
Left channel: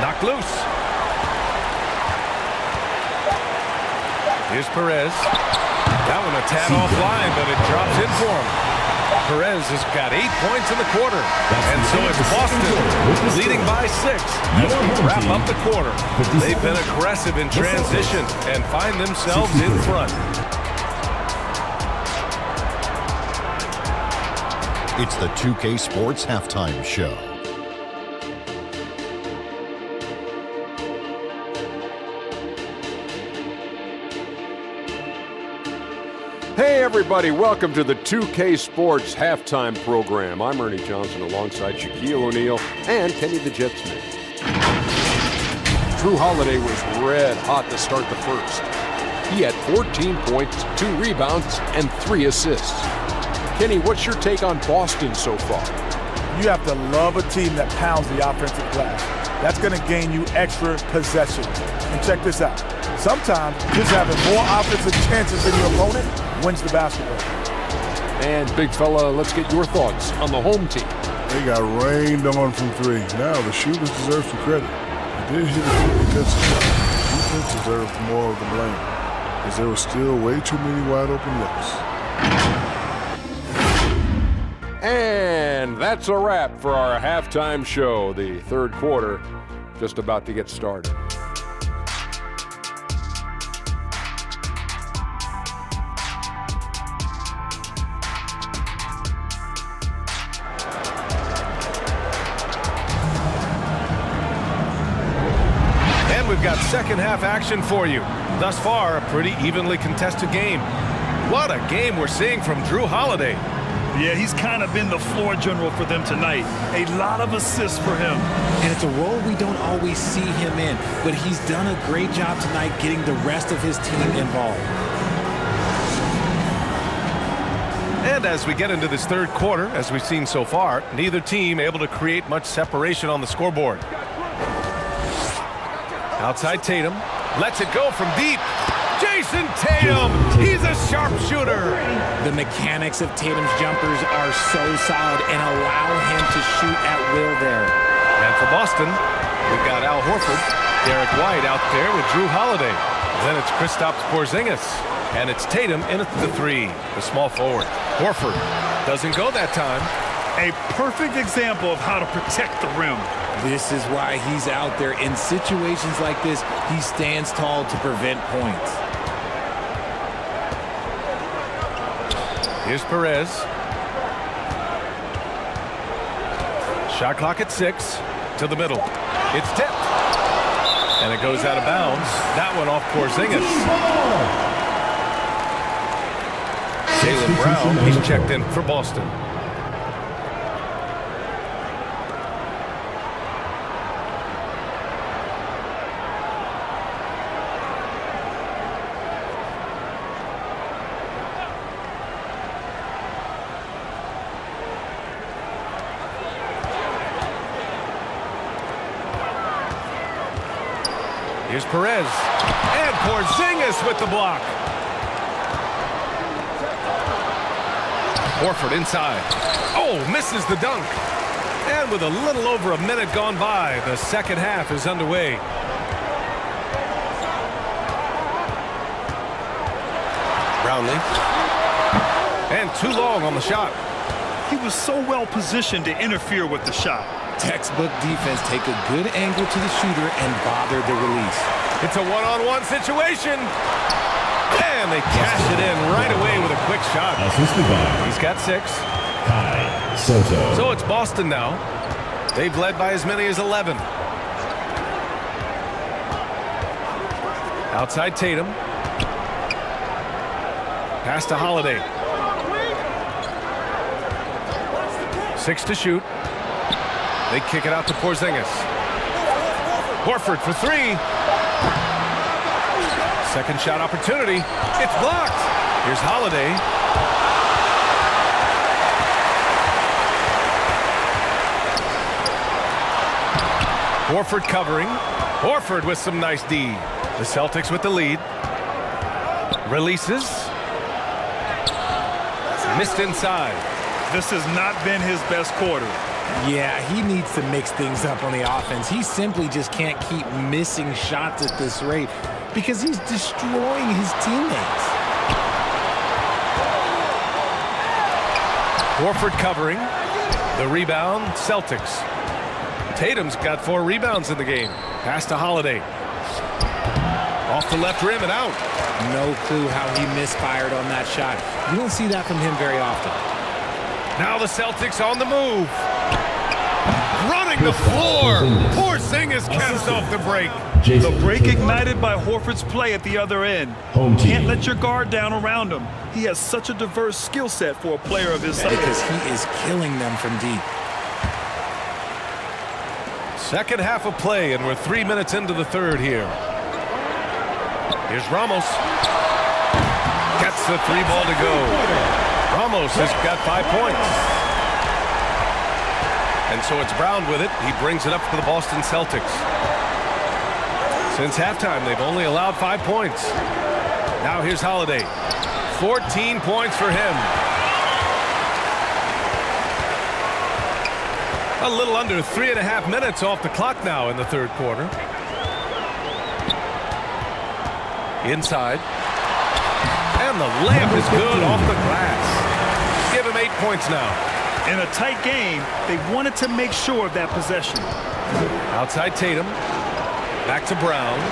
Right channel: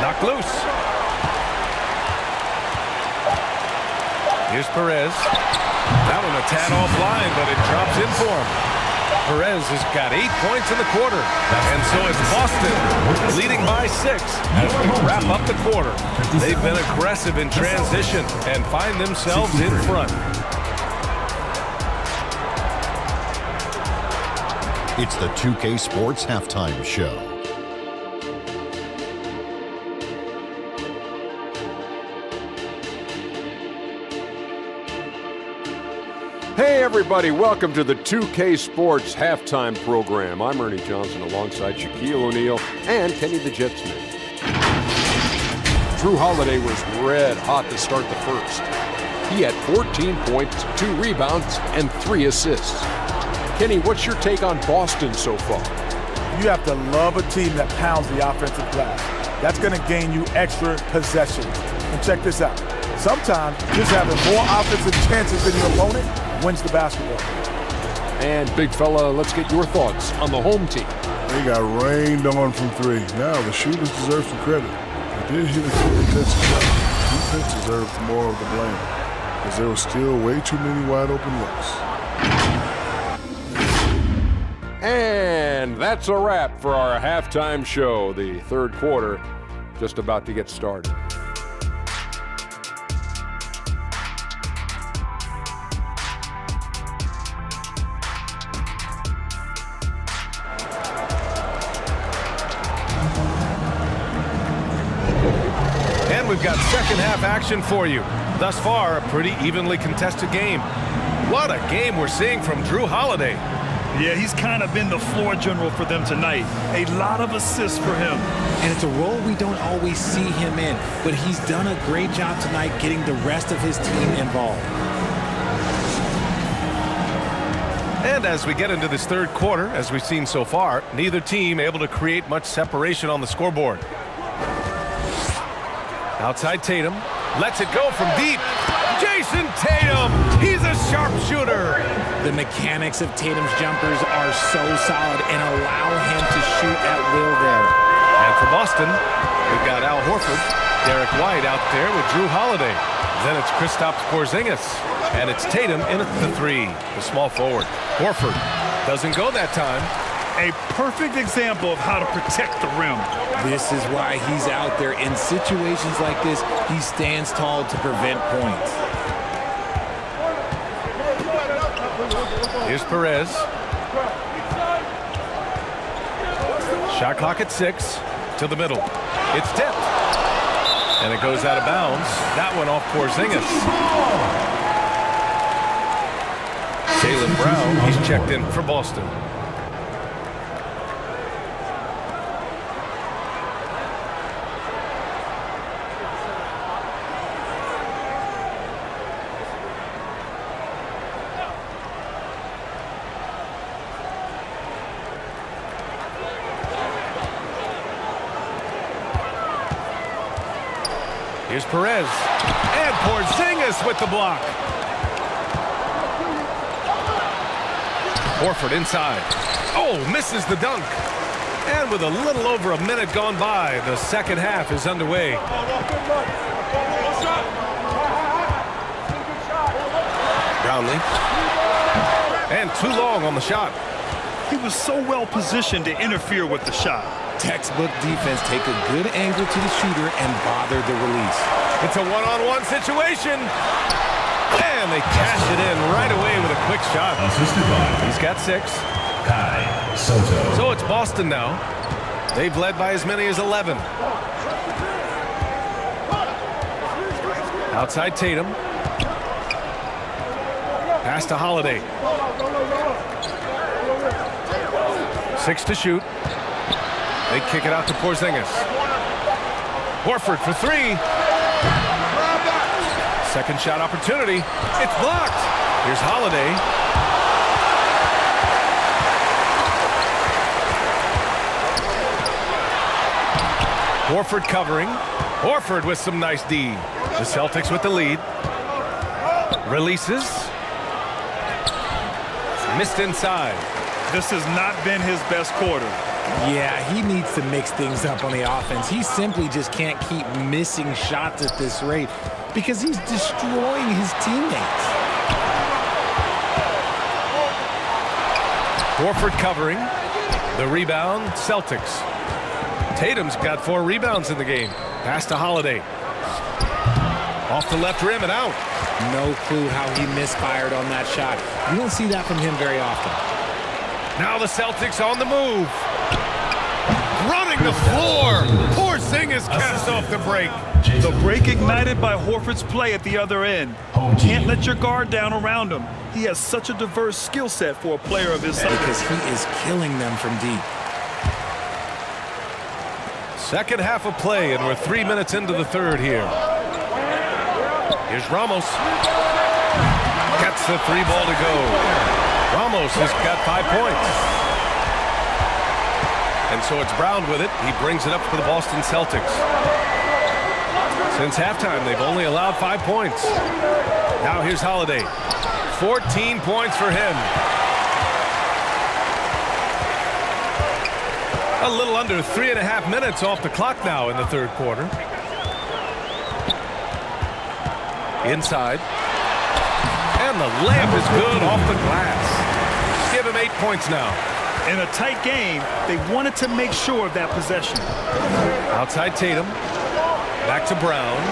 Knocked loose. Here's Perez. That one a tad offline, but it drops in for him. Perez has got 8 points in the quarter. And so it's Boston leading by 6 as we wrap up the quarter. They've been aggressive in transition and find themselves in front. It's the 2K Sports Halftime Show. Hey everybody, welcome to the 2K Sports Halftime Program. I'm Ernie Johnson alongside Shaquille O'Neal and Kenny the Jet Smith. Drew Holiday was red hot to start the first. He had 14 points, 2 rebounds, and 3 assists. Kenny, what's your take on Boston so far? You have to love a team that pounds the offensive glass. That's going to gain you extra possessions. And check this out. Sometimes just having more offensive chances than your opponent wins the basketball game. And big fella, let's get your thoughts on the home team. They got rained on from 3. Now the shooters deserve some credit. They did hit a few contested shots. Defense deserves more of the blame because there were still way too many wide open looks. And that's a wrap for our halftime show. The third quarter just about to get started. And we've got second half action for you. Thus far, a pretty evenly contested game. What a game we're seeing from Drew Holiday. Yeah, he's kind of been the floor general for them tonight. A lot of assists for him. And it's a role we don't always see him in, but he's done a great job tonight getting the rest of his team involved. And as we get into this third quarter, as we've seen so far, neither team able to create much separation on the scoreboard. Outside Tatum, lets it go from deep. Jason Tatum, he's a sharpshooter. The mechanics of Tatum's jumpers are so solid and allow him to shoot at will there. And for Boston, we've got Al Horford, Derek White out there with Drew Holiday. Then it's Kristaps Porzingis, and it's Tatum in at the 3, the small forward. Horford doesn't go that time. A perfect example of how to protect the rim. This is why he's out there. In situations like this, he stands tall to prevent points. Here's Perez. Shot clock at 6 to the middle. It's tipped. And it goes out of bounds. That one off Porzingis. Jaylen Brown, he's checked in for Boston. Here's Perez, and Porzingis with the block. Horford inside. Oh, misses the dunk. And with a little over a minute gone by, the second half is underway. Brownlee. And too long on the shot. He was so well positioned to interfere with the shot. Textbook defense. Take a good angle to the shooter and bother the release. It's a one-on-one situation. And they cash it in right away with a quick shot. Assisted by He's got 6. Kai Soto. So it's Boston now. They've led by as many as 11. Outside Tatum. Pass to Holiday. 6 to shoot. They kick it out to Porzingis. Horford for 3. Second shot opportunity. It's blocked. Here's Holiday. Horford covering. Horford with some nice D. The Celtics with the lead. Releases. Missed inside. This has not been his best quarter. Yeah, he needs to mix things up on the offense. He simply just can't keep missing shots at this rate because he's destroying his teammates. Horford covering. The rebound, Celtics. Tatum's got 4 rebounds in the game. Pass to Holiday. Off the left rim and out. No clue how he misfired on that shot. You don't see that from him very often. Now the Celtics on the move. Running the floor. Porzingis caps off the break. The break ignited by Horford's play at the other end. Can't let your guard down around him. He has such a diverse skill set for a player of his size. Because he is killing them from deep. Second half of play, and we're 3 minutes into the third here. Here's Ramos. Gets the 3 ball to go. Ramos has got 5 points. And so it's Brown with it. He brings it up for the Boston Celtics. Since halftime, they've only allowed 5 points. Now here's Holiday. 14 points for him. A little under 3.5 minutes off the clock now in the third quarter. Inside. And the layup is good off the glass. Give him 8 points now. In a tight game, they wanted to make sure of that possession. Outside Tatum. Back to Brown.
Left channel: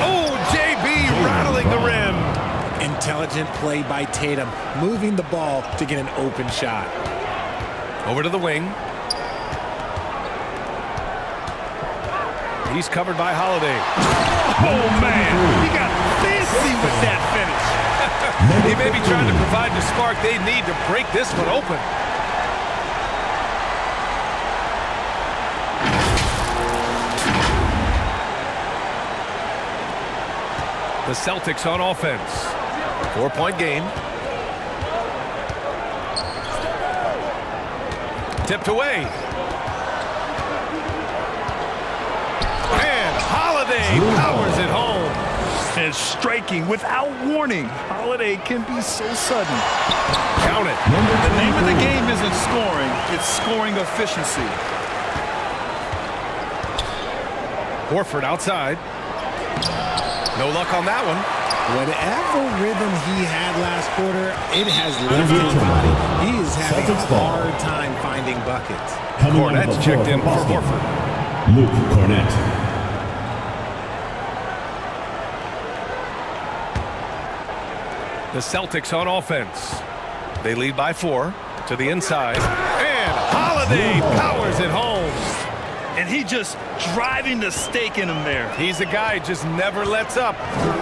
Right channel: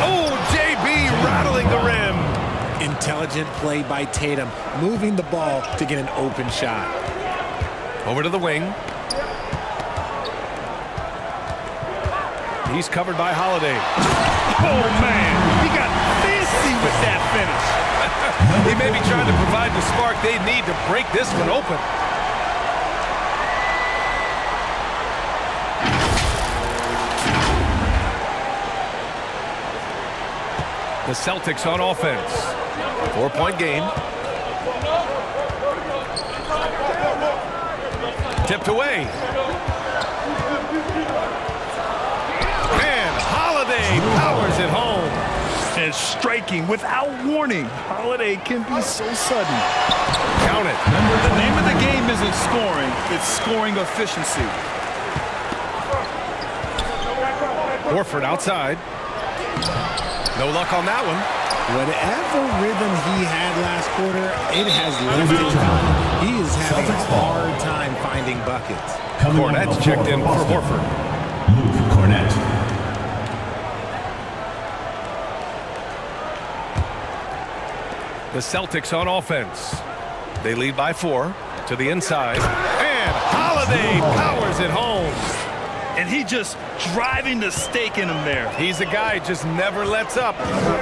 Oh, JB rattling the rim. Intelligent play by Tatum, moving the ball to get an open shot. Over to the wing. He's covered by Holiday. Oh, man. He got fancy with that finish. He may be trying to provide the spark they need to break this one open. The Celtics on offense. 4-point game. Tipped away. And Holiday powers it home. And striking without warning. Holiday can be so sudden. Count it. The name of the game isn't scoring, it's scoring efficiency. Horford outside. No luck on that one. Whatever rhythm he had last quarter, it has left his body. He is having a hard time finding buckets. Cornette's checked in for Horford. Luke Cornette. The Celtics on offense. They lead by 4 to the inside. And Holiday powers it home. And he just driving the stake in him there. He's a guy who just never lets up.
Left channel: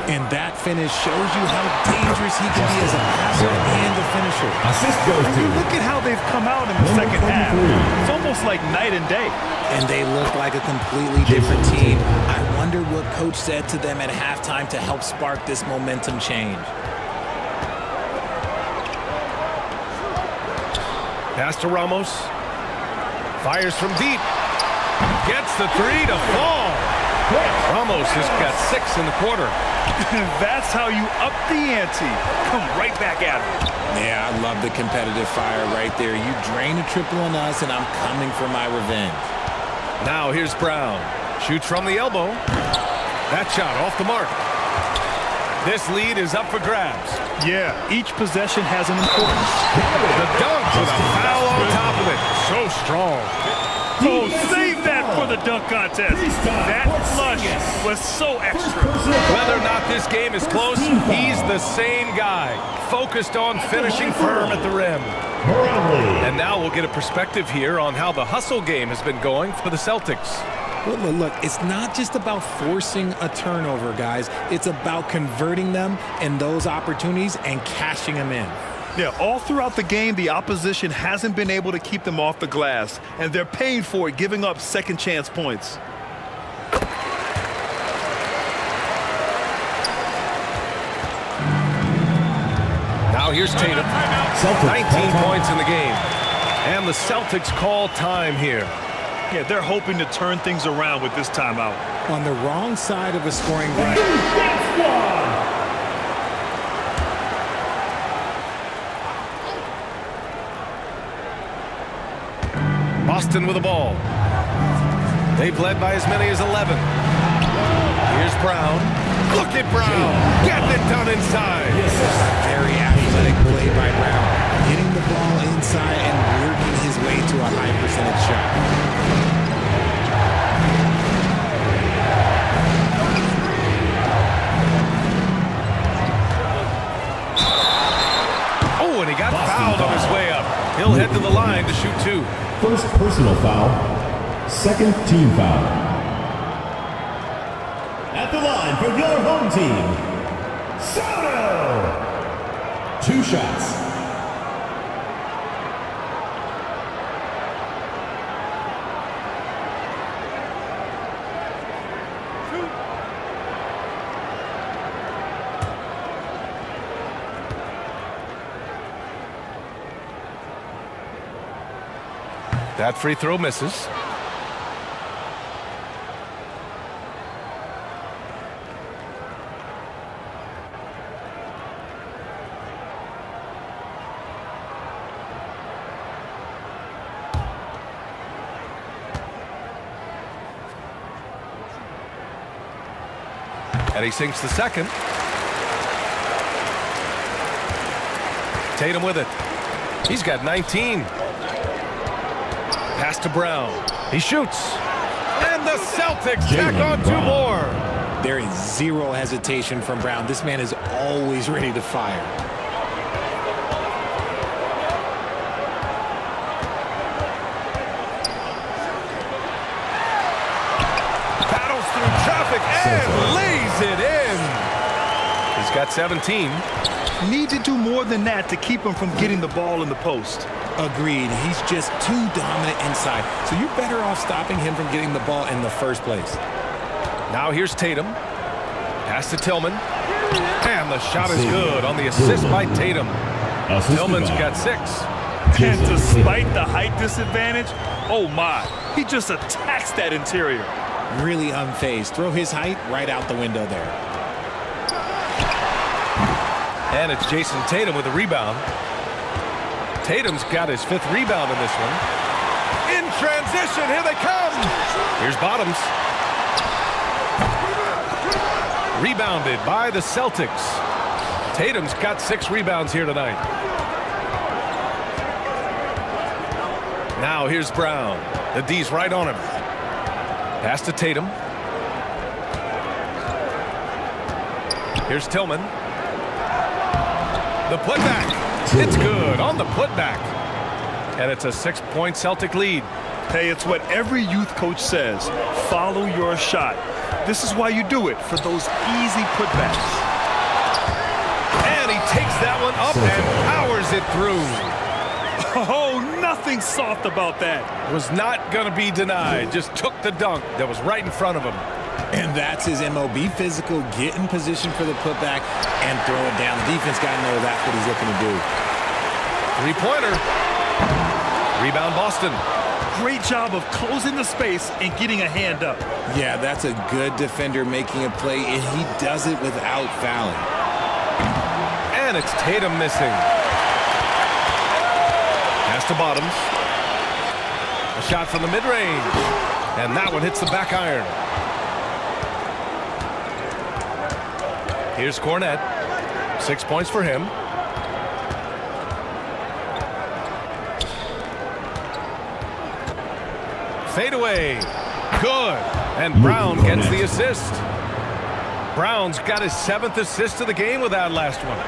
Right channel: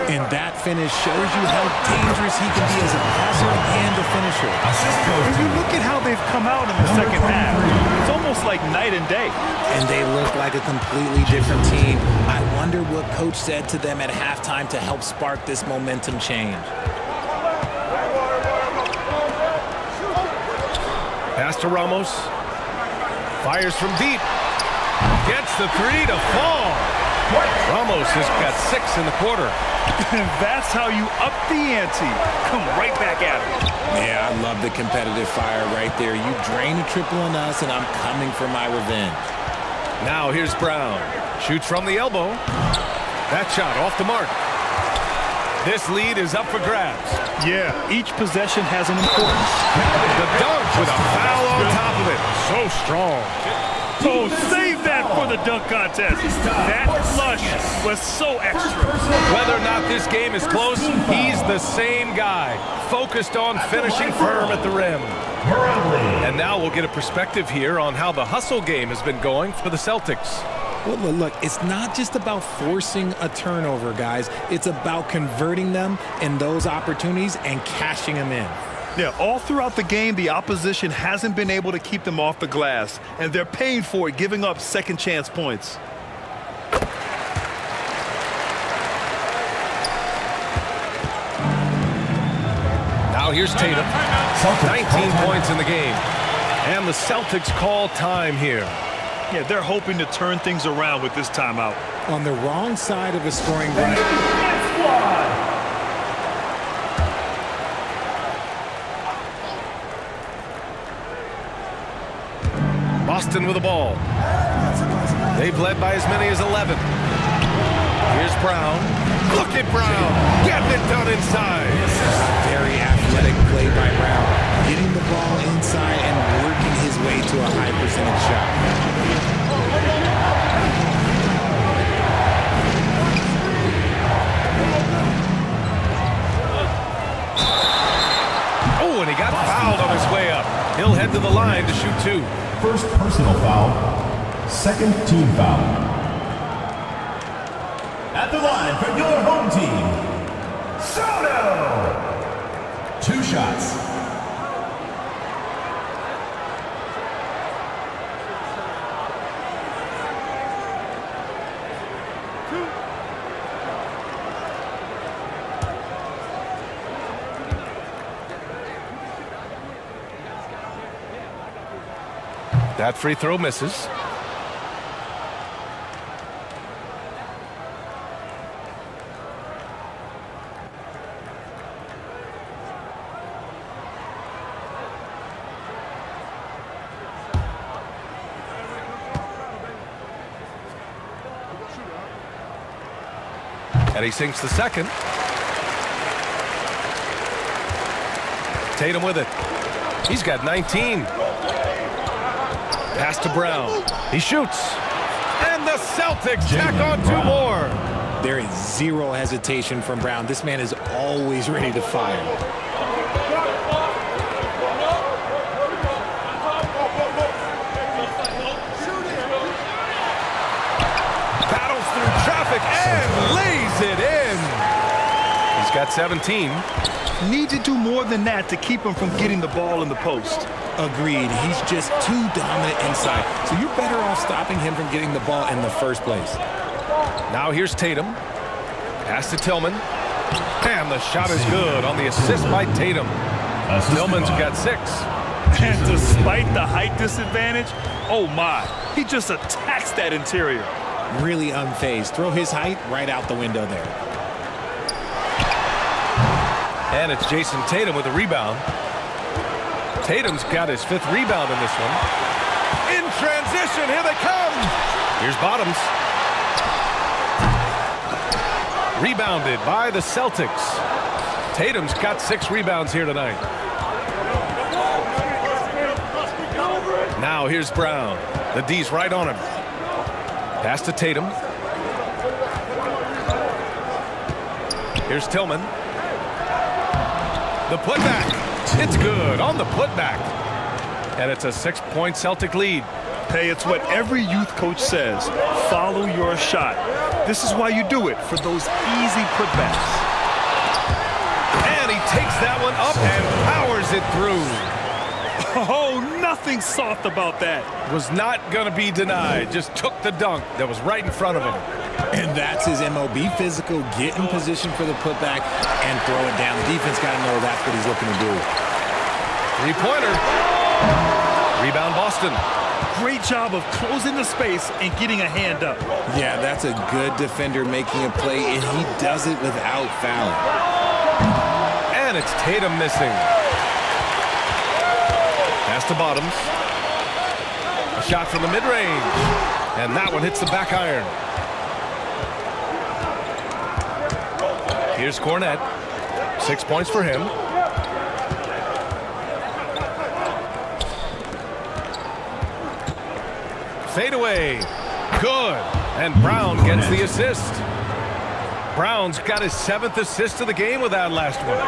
And that finish shows you how dangerous he can be as a passer and a finisher. Assist goes And to you look at how they've come out in the second half. It's almost like night and day. And they look like a completely different team. I wonder what coach said to them at halftime to help spark this momentum change. Pass to Ramos. Fires from deep. Gets the 3 to fall. Ramos has got 6 in the quarter. That's how you up the ante. Come right back at him. Yeah, I love the competitive fire right there. You drain a triple on us, and I'm coming for my revenge. Now here's Brown. Shoots from the elbow. That shot off the mark. This lead is up for grabs. Yeah, each possession has an importance. The dunk with a foul on top of it. So strong. Oh, save that for the dunk contest. That flush was so extra. Whether or not this game is close, he's the same guy, focused on finishing firm at the rim. And now we'll get a perspective here on how the hustle game has been going for the Celtics. Well, look, it's not just about forcing a turnover, guys. It's about converting them in those opportunities and cashing them in. Yeah, all throughout the game, the opposition hasn't been able to keep them off the glass, and they're paying for it, giving up second chance points. Now here's Tatum. 19 points in the game. And the Celtics call time here. Yeah, they're hoping to turn things around with this timeout. On the wrong side of a scoring run. Boston with the ball. They've led by as many as 11. Here's Brown. Look at Brown. Getting it done inside. A very athletic play by Brown. Getting the ball inside and working his way to a high percentage shot. Oh, and he got fouled on his way up. He'll head to the line to shoot 2. First personal foul. Second team foul. At the line for your home team, Soto. 2 shots. That free throw misses. And he sinks the second. Tatum with it. He's got 19. Pass to Brown. He shoots. And the Celtics tack on 2 more. There is zero hesitation from Brown. This man is always ready to fire. Battles through traffic and lays it in. He's got 17. Need to do more than that to keep him from getting the ball in the post. Agreed. He's just too dominant inside. So you're better off stopping him from getting the ball in the first place. Now here's Tatum. Pass to Tillman. And the shot is good on the assist by Tatum. Tillman's got 6. And despite the height disadvantage, oh my, he just attacks that interior. Really unfazed. Throw his height right out the window there. And it's Jason Tatum with a rebound. Tatum's got his 5th rebound in this one. In transition, here they come. Here's Bottoms. Rebounded by the Celtics. Tatum's got 6 rebounds here tonight. Now here's Brown. The D's right on him. Pass to Tatum. Here's Tillman. The putback. It's good on the putback. And it's a 6-point Celtic lead. Hey, it's what every youth coach says. Follow your shot. This is why you do it, for those easy putbacks. And he takes that one up and powers it through. Oh, nothing soft about that. Was not going to be denied. Just took the dunk that was right in front of him. And that's his MOB physical. Get in position for the putback and throw it down. The defense got to know that's what he's looking to do. 3-pointer. Rebound Boston. Great job of closing the space and getting a hand up. Yeah, that's a good defender making a play, and he does it without fouling. And it's Tatum missing. Pass to Bottoms. A shot from the mid-range. And that one hits the back iron. Here's Cornette. 6 points for him. fadeaway. Good. And Brown gets the assist. Brown's got his 7th assist of the game with that last one.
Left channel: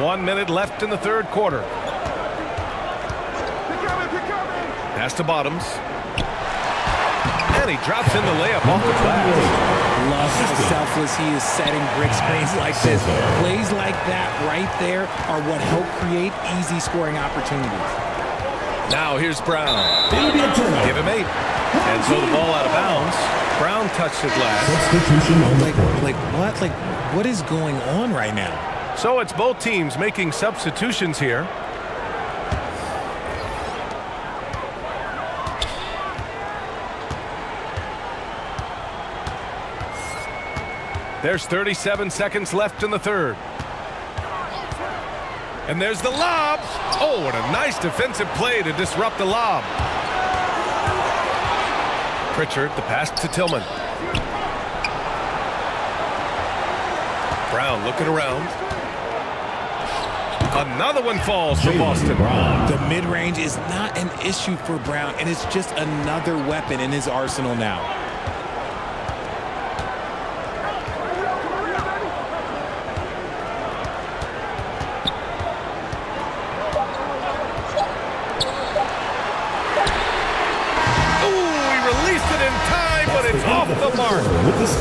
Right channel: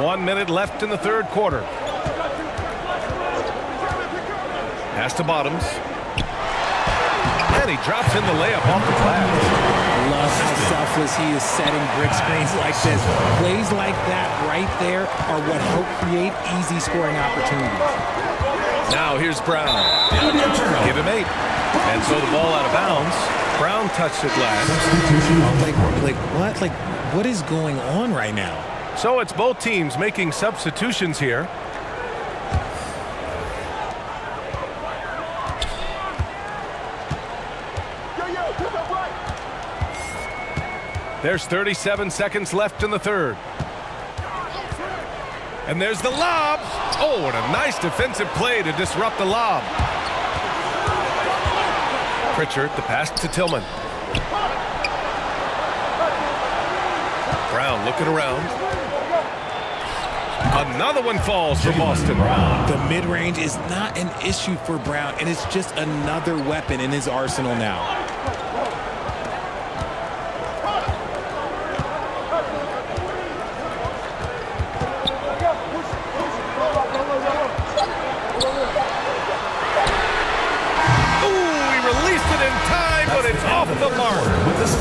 1 minute left in the third quarter. Pass to Bottoms. And he drops in the layup off the glass. Love how selfless he is setting brick screens like this. Plays like that right there are what help create easy scoring opportunities. Now here's Brown. Give him 8. And so the ball out of bounds. Brown touched it last. Substitution on the court. What is going on right now? So it's both teams making substitutions here. There's 37 seconds left in the third. And there's the lob. Oh, what a nice defensive play to disrupt the lob. Pritchard, the pass to Tillman. Brown looking around. Another one falls for Boston. The mid-range is not an issue for Brown, and it's just another weapon in his arsenal now. But it's off the mark.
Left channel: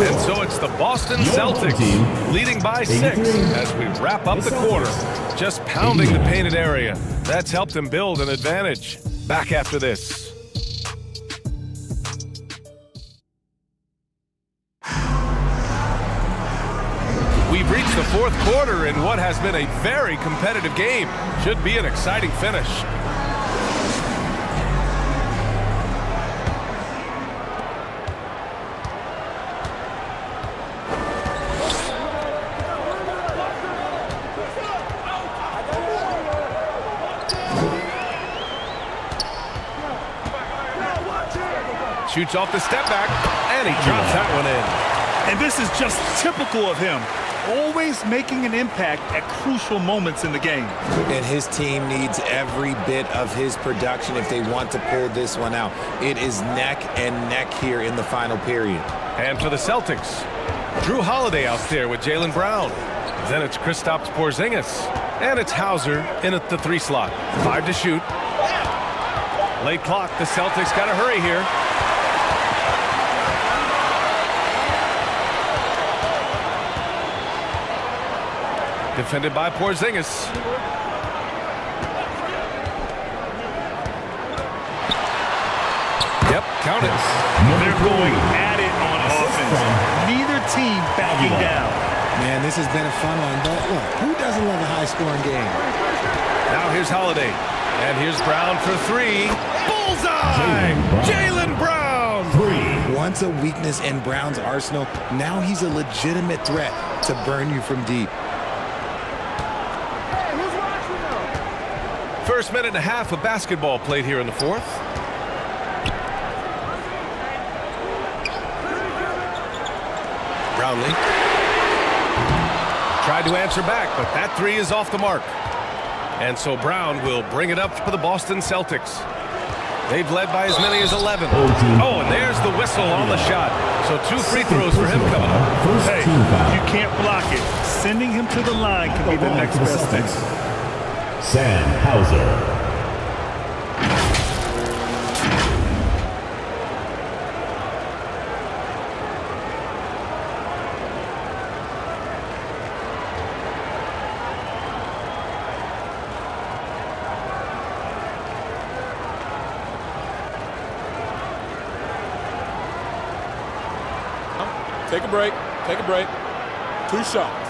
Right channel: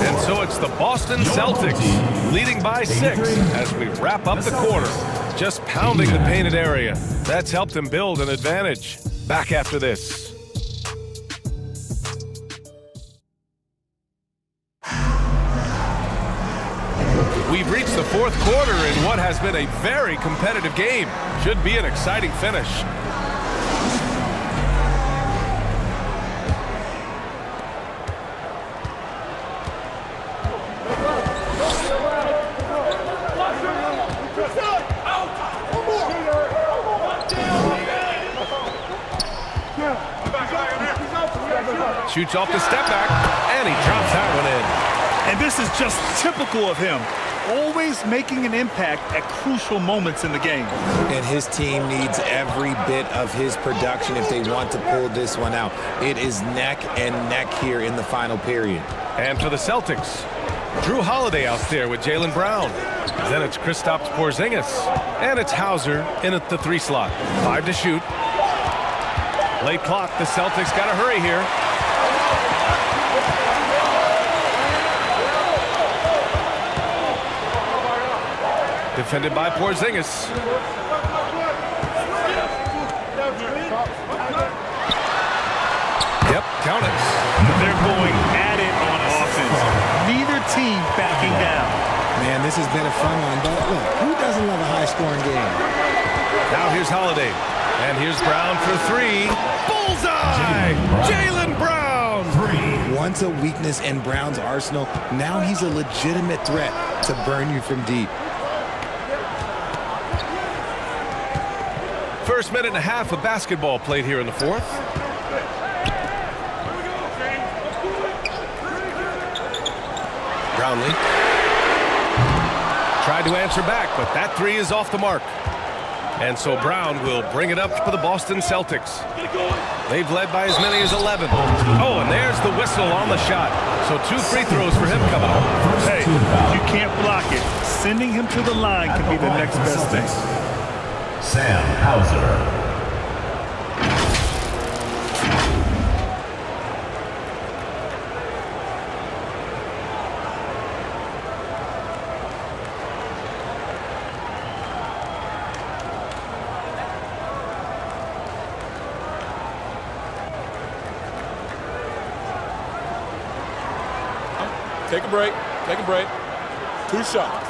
And so it's the Boston Celtics leading by 6 as we wrap up the quarter. Just pounding the painted area. That's helped them build an advantage. Back after this. We've reached the fourth quarter in what has been a very competitive game. Should be an exciting finish. Shoots off the step back, and he drops that one in. And this is just typical of him. Always making an impact at crucial moments in the game. And his team needs every bit of his production if they want to pull this one out. It is neck and neck here in the final period. And for the Celtics, Drew Holiday out there with Jaylen Brown. Then it's Kristaps Porzingis. And it's Hauser in at the 3 slot. 5 to shoot. Late clock, the Celtics got to hurry here. Defended by Porzingis. Yep, count it. They're going at it on offense. Neither team backing down. Man, this has been a fun one, but look, who doesn't love a high-scoring game? Now here's Holiday. And here's Brown for 3. Bullseye! Jaylen Brown! 3. Once a weakness in Brown's arsenal, now he's a legitimate threat to burn you from deep. First minute and a half of basketball played here in the fourth. Brownlee tried to answer back, but that 3 is off the mark. And so Brown will bring it up for the Boston Celtics. They've led by as many as 11. Oh, and there's the whistle on the shot. So 2 free throws for him coming up. Hey, you can't block it. Sending him to the line can be the next best thing. Sam Hauser. Take a break. Take a break. 2 shots.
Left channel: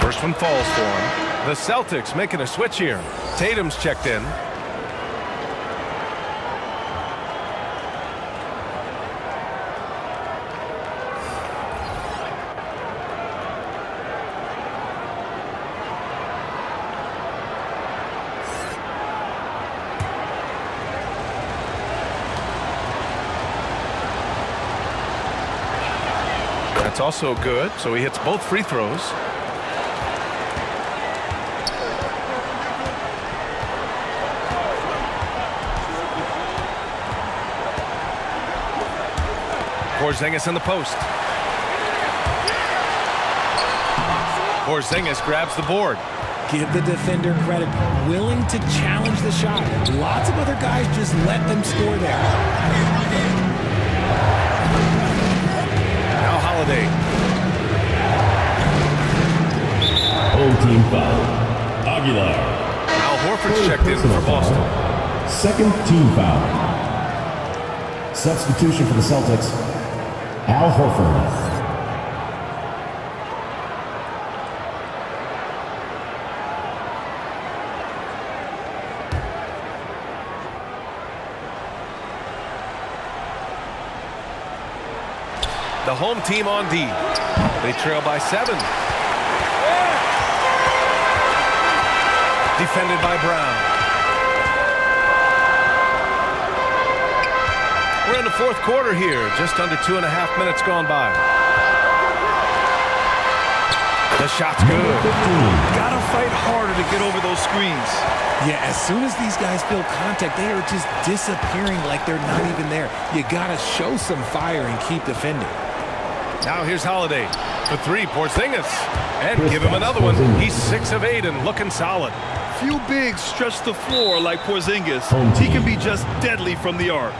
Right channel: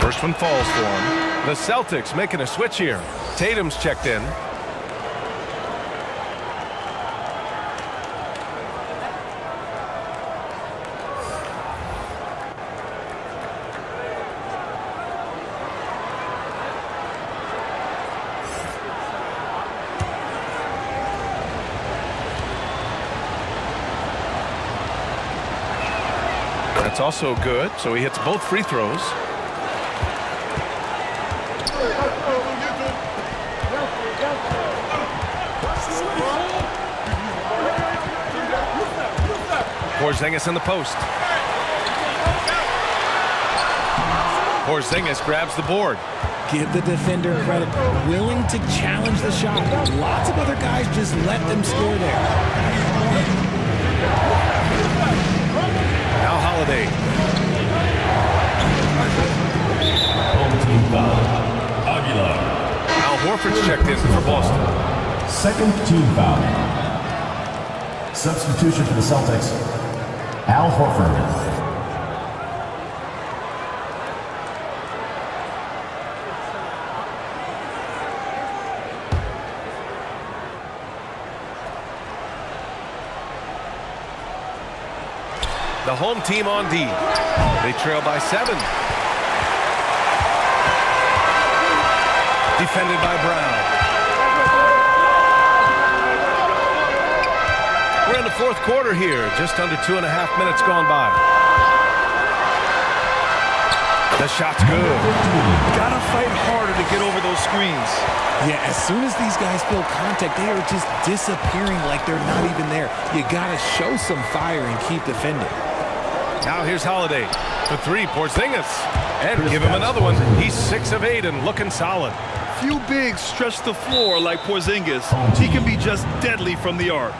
First one falls for him. The Celtics making a switch here. Tatum's checked in. That's also good, so he hits both free throws. Porzingis in the post. Porzingis grabs the board. Give the defender credit. Willing to challenge the shot. Lots of other guys just let them score there. Now Holiday. Home team foul. Aguilar. Al Horford's checked in for Boston. Second team foul. Substitution for the Celtics. Al Horford. The home team on D. They trail by 7. Defended by Brown. We're in the fourth quarter here. Just under 2.5 minutes gone by. The shot's good. Gotta fight harder to get over those screens. Yeah, as soon as these guys feel contact, they are just disappearing like they're not even there. You gotta show some fire and keep defending. Now here's Holiday for 3. Porzingis. And give him another one. He's 6 of 8 and looking solid. Few bigs stretch the floor like Porzingis. He can be just deadly from the arc.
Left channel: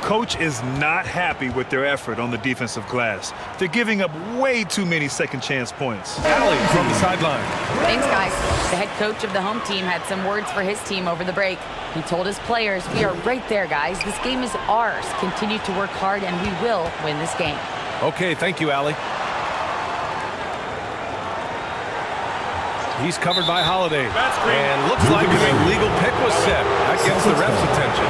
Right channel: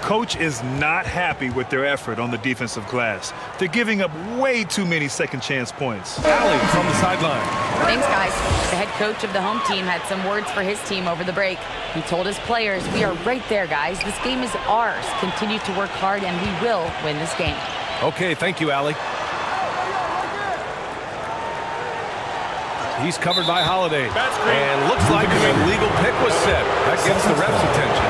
Coach is not happy with their effort on the defensive glass. They're giving up way too many second chance points. Allie from the sideline. Thanks, guys. The head coach of the home team had some words for his team over the break. He told his players, "We are right there, guys. This game is ours. Continue to work hard and we will win this game." Okay, thank you, Allie. He's covered by Holiday. And looks like an illegal pick was set. That gets the ref's attention.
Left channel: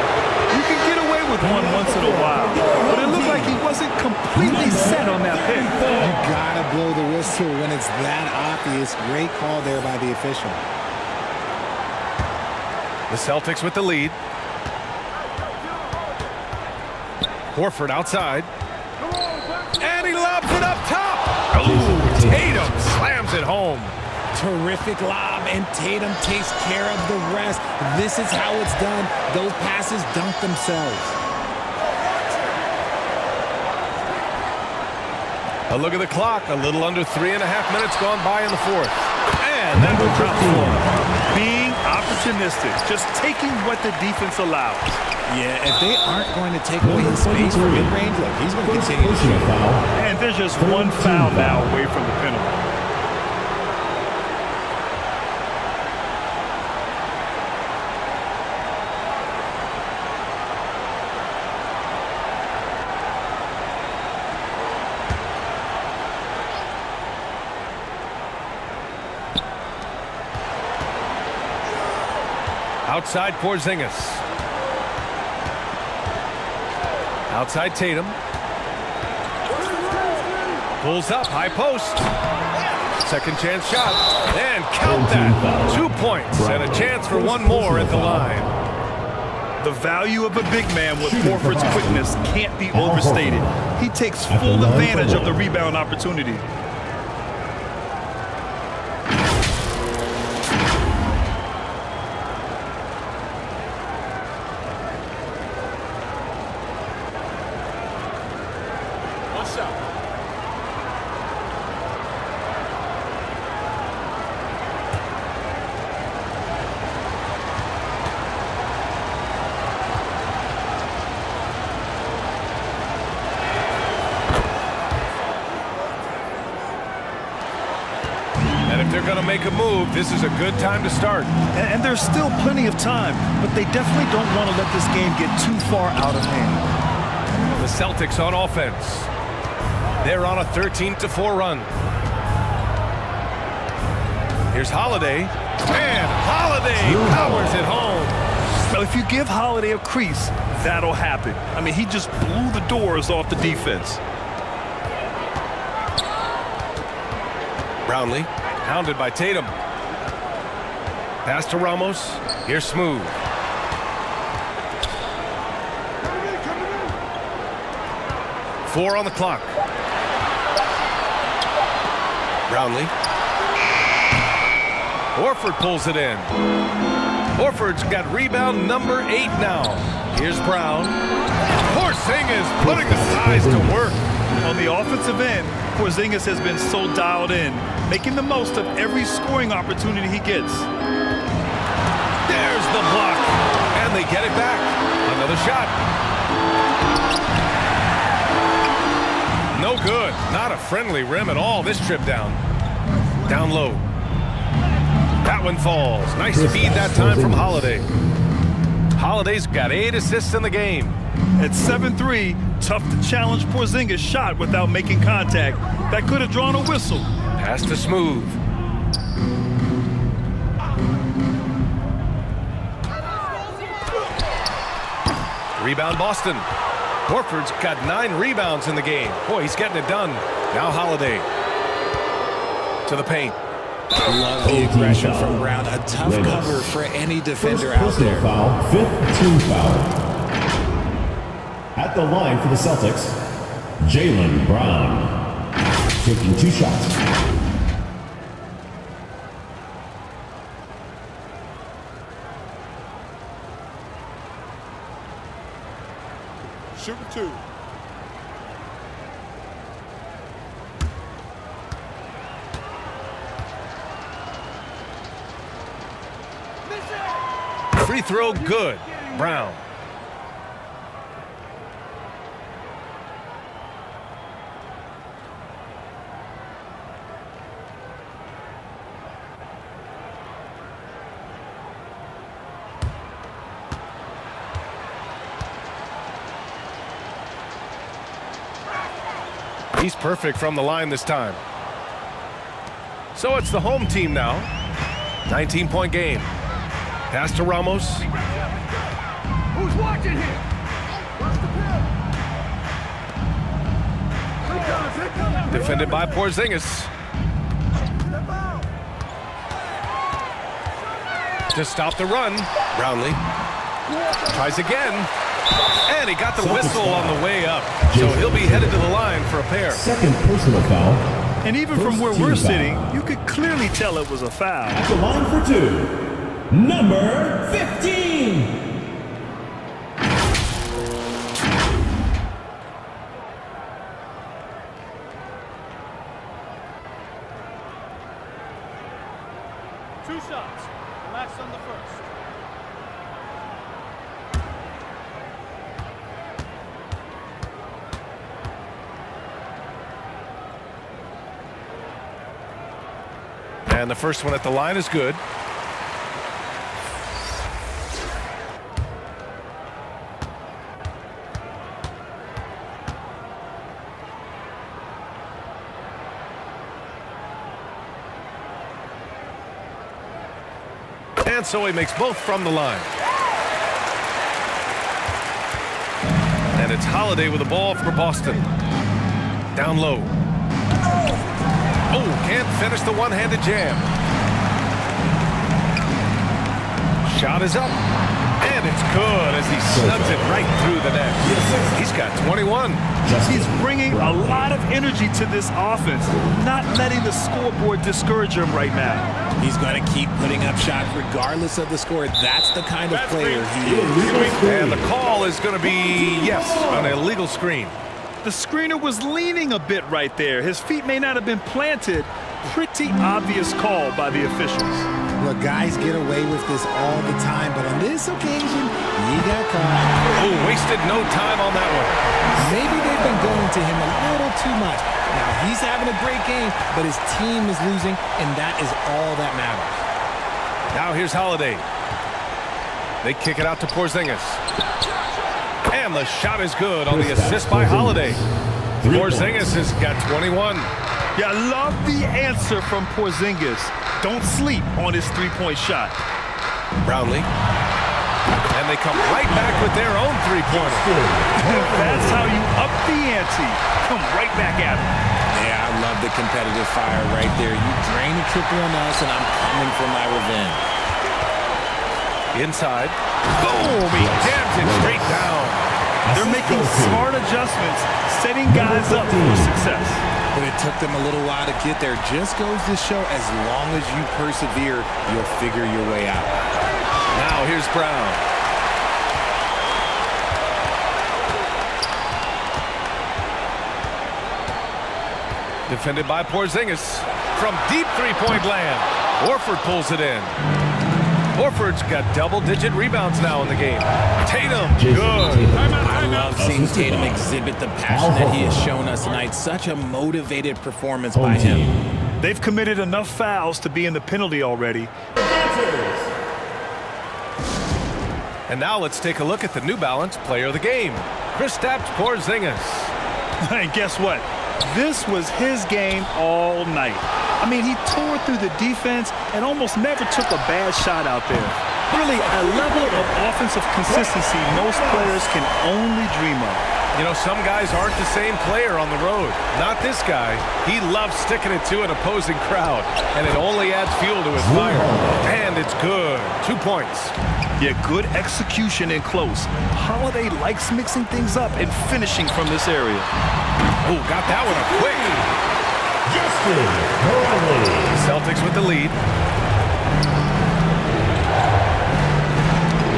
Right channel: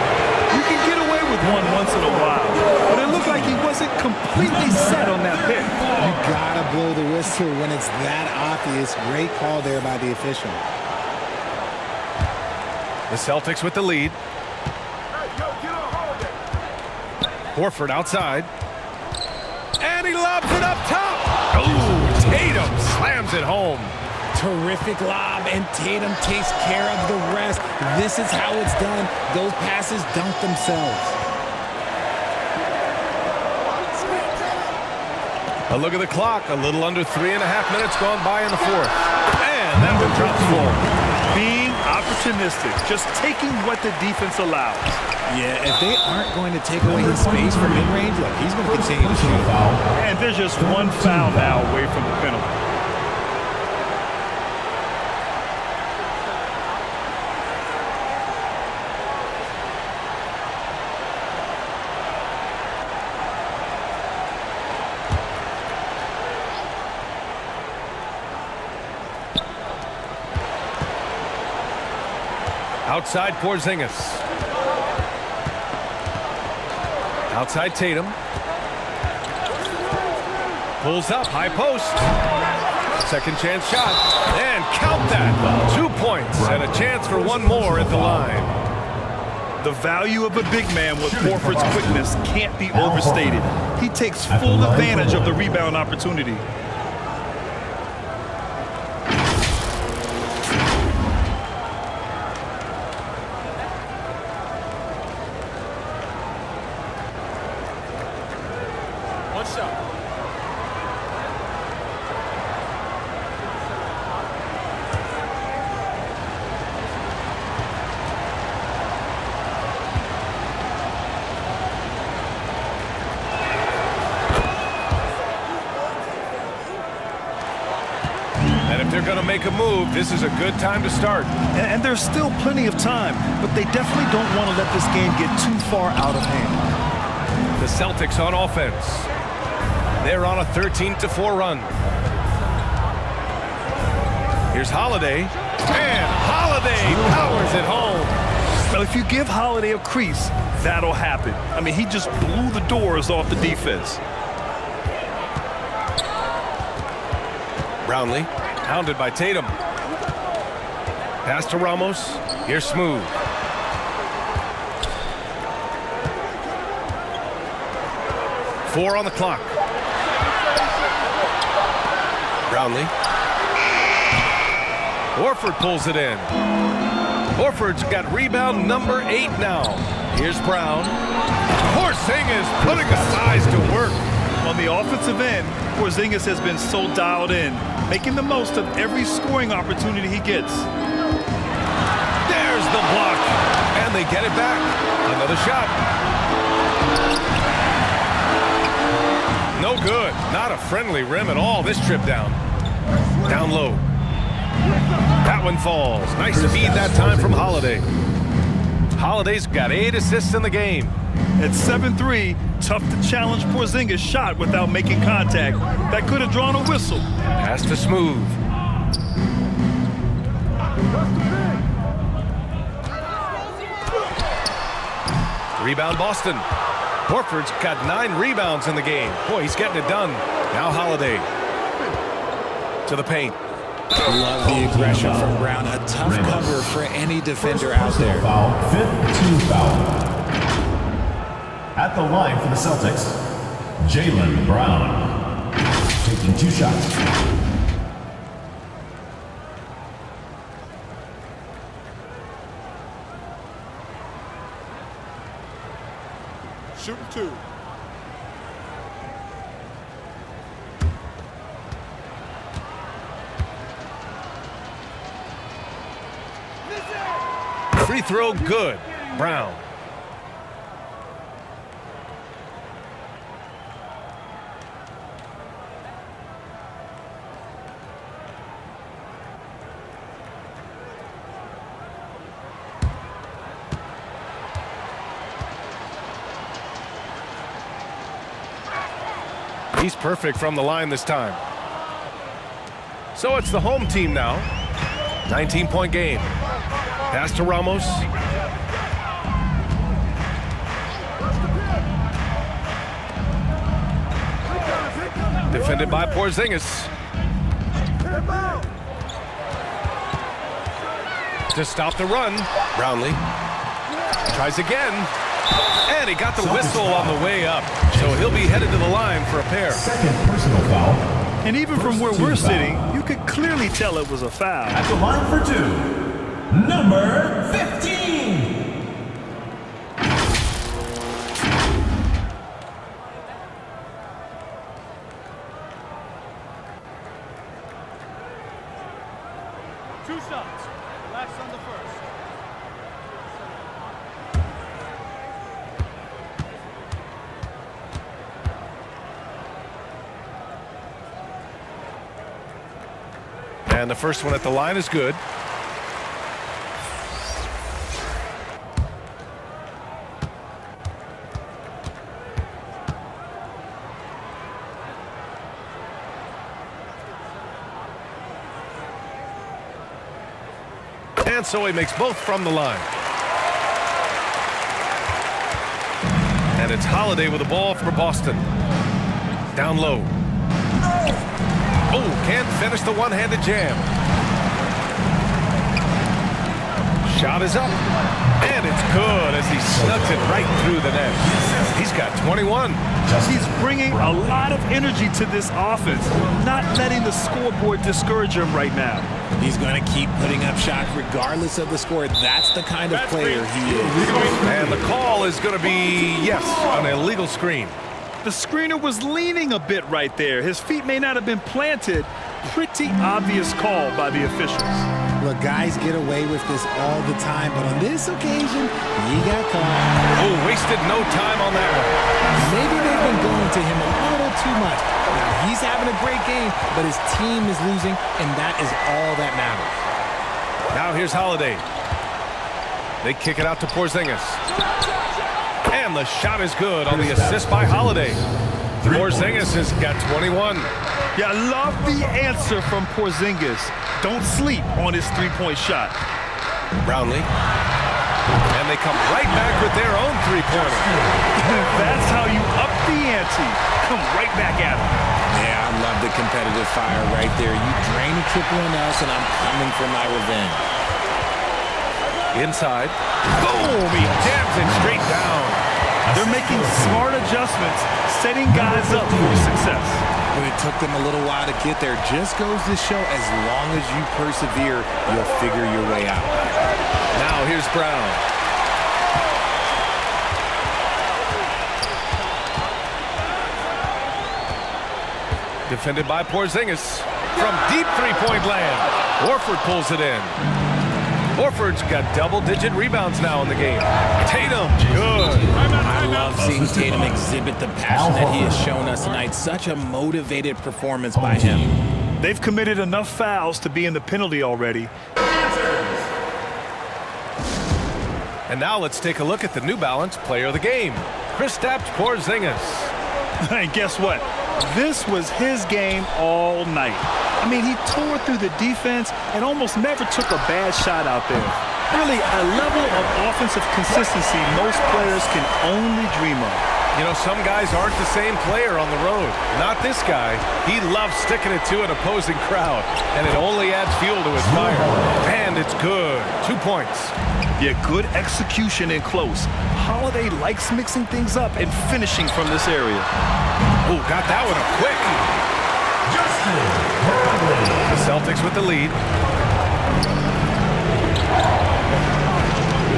You can get away with one once in a while, but it looked like he wasn't completely set on that pick. You gotta blow the whistle when it's that obvious. Great call there by the official. The Celtics with the lead. Horford outside. And he lobs it up top. Oh, Tatum slams it home. Terrific lob, and Tatum takes care of the rest. This is how it's done. Those passes dunk themselves. A look at the clock. A little under 3.5 minutes gone by in the fourth. And that one drops for him. Being opportunistic, just taking what the defense allows. Yeah, if they aren't going to take away his space from mid-range, look, he's going to continue to shoot. And there's just one foul now away from the penalty. Outside Porzingis. Outside Tatum. Pulls up, high post. Second chance shot. And count that. 2 points and a chance for one more at the line. The value of a big man with Horford's quickness can't be overstated. He takes full advantage of the rebound opportunity. One shot. And if they're going to make a move, this is a good time to start. And there's still plenty of time, but they definitely don't want to let this game get too far out of hand. The Celtics on offense. They're on a 13-4 run. Here's Holiday. And Holiday powers it home. Well, if you give Holiday a crease, that'll happen. I mean, he just blew the doors off the defense. Brownlee, hounded by Tatum. Pass to Ramos. Here's Smooth. Four on the clock. Brownlee. Horford pulls it in. Horford's got rebound number 8 now. Here's Brown. Porzingis putting the size to work. On the offensive end, Porzingis has been so dialed in, making the most of every scoring opportunity he gets. There's the block, and they get it back. Another shot. No good. Not a friendly rim at all this trip down. Down low. That one falls. Nice feed that time from Holiday. Holiday's got 8 assists in the game. At 7-3, tough to challenge Porzingis' shot without making contact. That could have drawn a whistle. Pass to Smooth. Rebound Boston. Horford's got 9 rebounds in the game. Boy, he's getting it done. Now Holiday. To the paint. Love the aggression from Brown. A tough Ramos. cover for any defender First out there. personal foul, 5th team foul. At the line for the Celtics, Jaylen Brown. Taking 2 shots. Shooting 2. Free throw good. Brown. He's perfect from the line this time. So it's the home team now. 19-point game. Pass to Ramos. Defended by Porzingis. To stop the run, Brownlee tries again. And he got the whistle on the way up. So he'll be headed to the line for a pair. 2nd personal foul. And even from where we're sitting, you could clearly tell it was a foul. At the line for 2, number 15. Two shots. Relax on the first. And the first one at the line is good. And so he makes both from the line. And it's Holiday with the ball for Boston. Down low. Oh, can't finish the one-handed jam. Shot is up. And it's good as he snugs it right through the net. He's got 21. He's bringing a lot of energy to this offense, not letting the scoreboard discourage him right now. He's going to keep putting up shots regardless of the score. That's the kind of player he is. And the call is going to be, yes, an illegal screen. The screener was leaning a bit right there. His feet may not have been planted. Pretty obvious call by the officials. Look, guys get away with this all the time, but on this occasion, he got caught. Oh, wasted no time on that one. Maybe they've been going to him a little too much. Now, he's having a great game, but his team is losing, and that is all that matters. Now here's Holiday. They kick it out to Porzingis. And the shot is good on the assist by Holiday. Porzingis has got 21. Yeah, I love the answer from Porzingis. Don't sleep on his three-point shot. Brownlee. And they come right back with their own three-pointer. That's how you up the ante. Come right back at him. Yeah, I love the competitive fire right there. You drain a triple on us, and I'm coming for my revenge. Inside. Boom! He jams it straight down. They're making smart adjustments, setting guys up for success. But it took them a little while to get there. Just goes to show, as long as you persevere, you'll figure your way out. Now here's Brown. Defended by Porzingis from deep three-point land. Horford pulls it in. Horford's got double-digit rebounds now in the game. Tatum, good. I love seeing Tatum exhibit the passion that he has shown us tonight. Such a motivated performance by him. They've committed enough fouls to be in the penalty already. And now let's take a look at the New Balance player of the game, Kristaps Porzingis. And guess what? This was his game all night. I mean, he tore through the defense and almost never took a bad shot out there. Really, a level of offensive consistency most players can only dream of. You know, some guys aren't the same player on the road. Not this guy. He loves sticking it to an opposing crowd, and it only adds fuel to his fire. And it's good. 2 points. Yeah, good execution in close. Holiday likes mixing things up and finishing from this area. Oh, got that one up quick. The Celtics with the lead.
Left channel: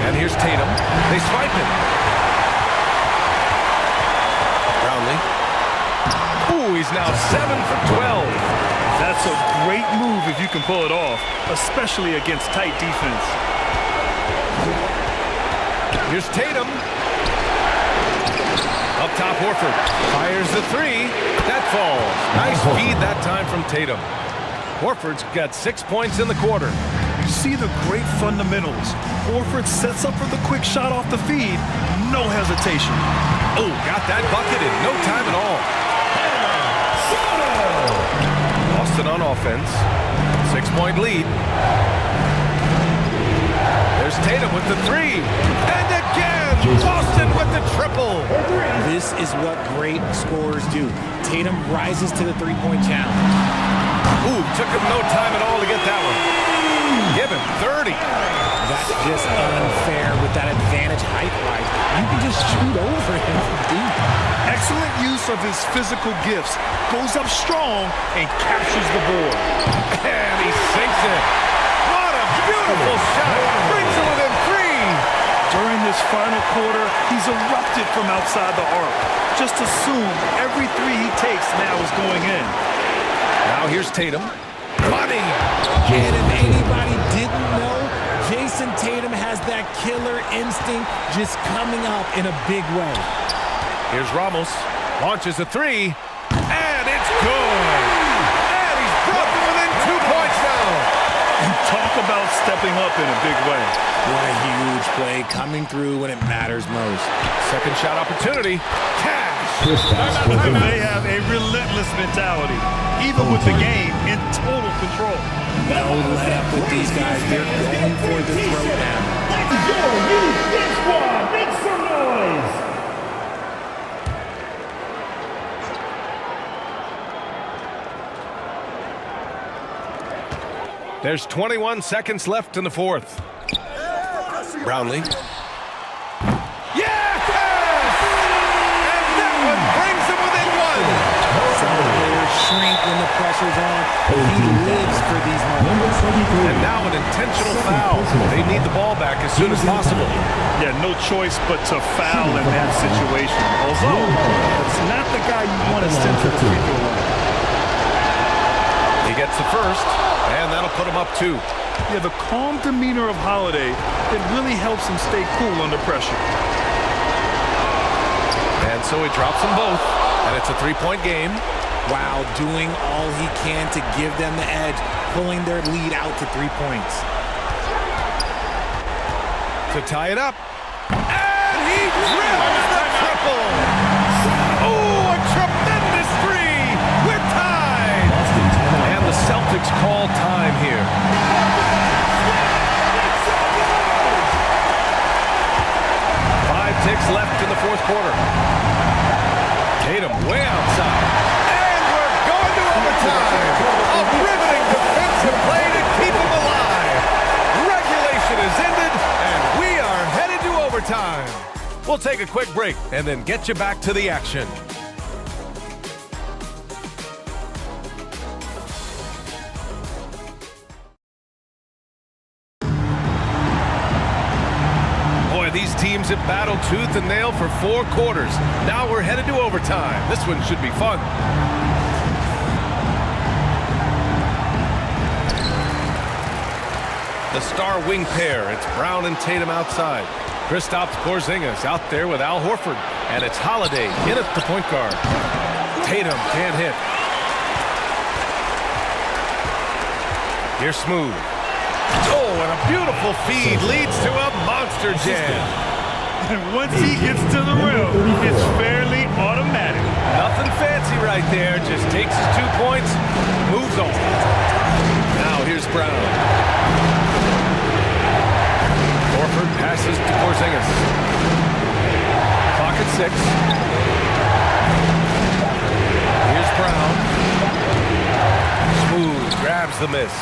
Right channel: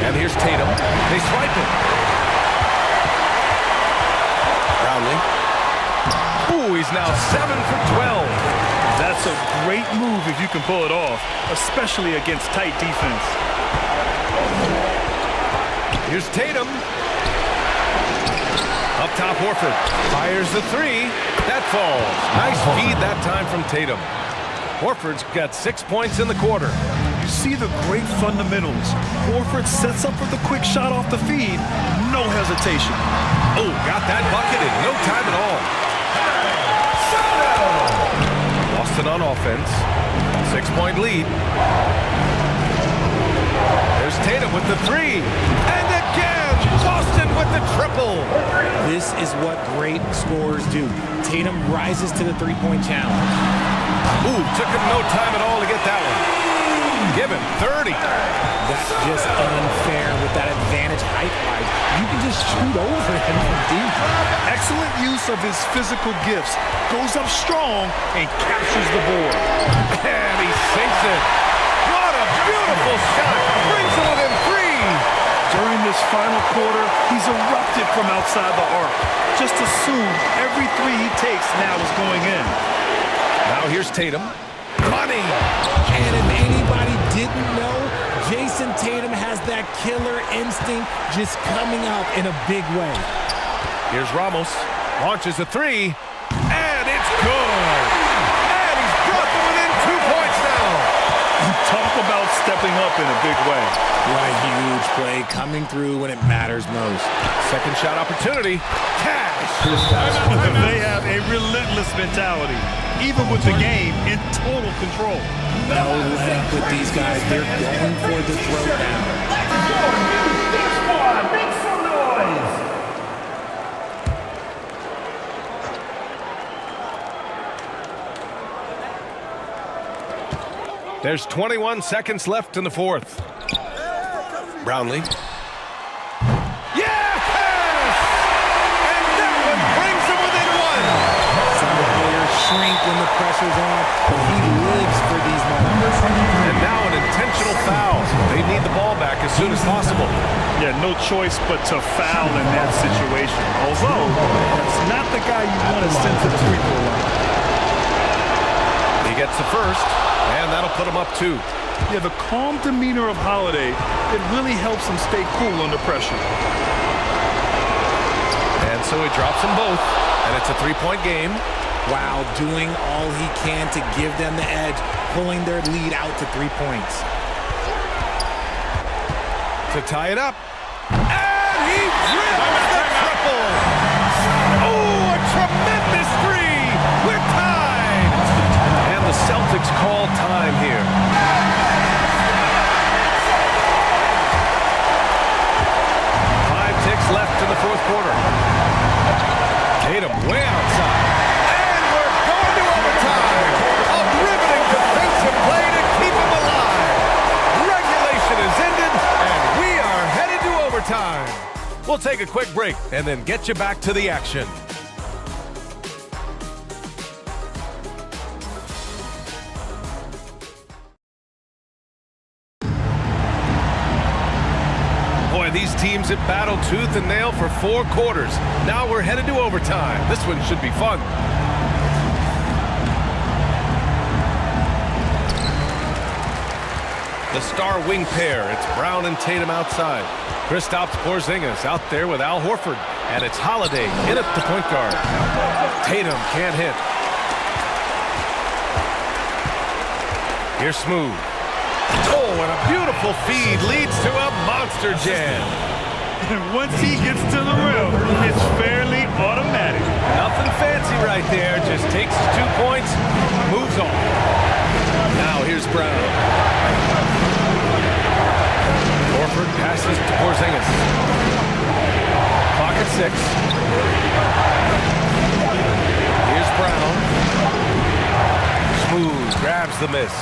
And here's Tatum. They swipe it. Brownlee. Ooh, he's now 7 for 12. That's a great move if you can pull it off, especially against tight defense. Here's Tatum. Up top, Horford fires the three. That falls. Nice feed that time from Tatum. Horford's got 6 points in the quarter. You see the great fundamentals. Horford sets up for the quick shot off the feed. No hesitation. Oh, got that bucket in no time at all. Boston on offense. 6-point lead. There's Tatum with the three. And again, Boston with the triple. This is what great scorers do. Tatum rises to the three-point challenge. Ooh, took him no time at all to get that one. Give him 30. That's just unfair with that advantage height-wise. You can just shoot over him from deep. Excellent use of his physical gifts. Goes up strong and captures the board. And he sinks it. What a beautiful shot. Brings him within 3. During this final quarter, he's erupted from outside the arc. Just assume every three he takes now is going in. Now here's Tatum. Money! And if anybody didn't know, Jason Tatum has that killer instinct just coming out in a big way. Here's Ramos. Launches a three. And it's good! And he's brought them within 2 points now. Talk about stepping up in a big way. What a huge play coming through when it matters most. Second shot opportunity. Cash! They have a relentless mentality, even with the game in total control. No let up with these guys. They're going for the throwdown. This one, make some noise. There's 21 seconds left in the fourth. Brownlee. Yes! And that one brings him within 1. Some players shrink when the pressure's on, but he lives for these moments. And now an intentional foul. They need the ball back as soon as possible. Yeah, no choice but to foul in that situation. Although, that's not the guy you want to send to the free throw line. He gets the first. And that'll put him up 2. Yeah, the calm demeanor of Holiday, it really helps him stay cool under pressure. And so he drops them both, and it's a 3-point game. Wow, doing all he can to give them the edge, pulling their lead out to 3 points. To tie it up. And he drills the triple. Oh, a tremendous 3. We're tied. And the Celtics call time here. 5 ticks left in the fourth quarter. Tatum way outside. And we're going to overtime. A riveting defensive play to keep him alive. Regulation is ended, and we are headed to overtime. We'll take a quick break and then get you back to the action. Boy, these teams have battled tooth and nail for 4 quarters. Now we're headed to overtime. This one should be fun. The star wing pair. It's Brown and Tatum outside. Kristaps Porzingis out there with Al Horford. And it's Holiday in at the point guard. Tatum can't hit. Here's Smooth. Oh, and a beautiful feed leads to a monster jam. And once he gets to the rim, it's fairly automatic. Nothing fancy right there. Just takes his 2 points, moves on. Now here's Brown. Horford passes to Porzingis. Clock at 6. Here's Brown. Smooth grabs the miss.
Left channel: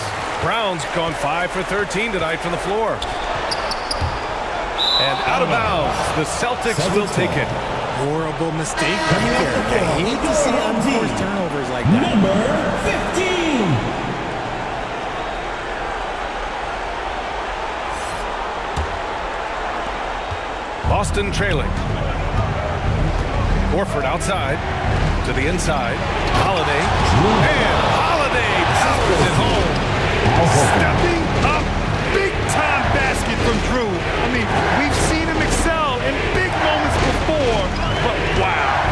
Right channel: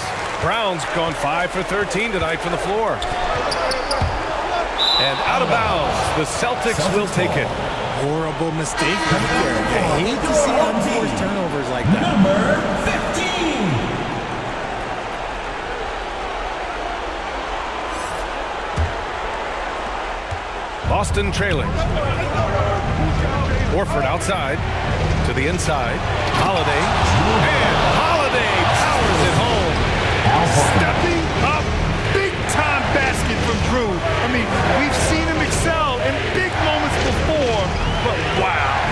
Brown's gone 5 for 13 tonight from the floor. And out of bounds, the Celtics will take it. Horrible mistake right there. You hate to see unforced turnovers like that. Number 15. Boston trailing. Horford outside to the inside. Holiday. And Holiday powers it home. Stepping up, big-time basket from Drew. I mean, we've seen him excel in big moments before, but wow.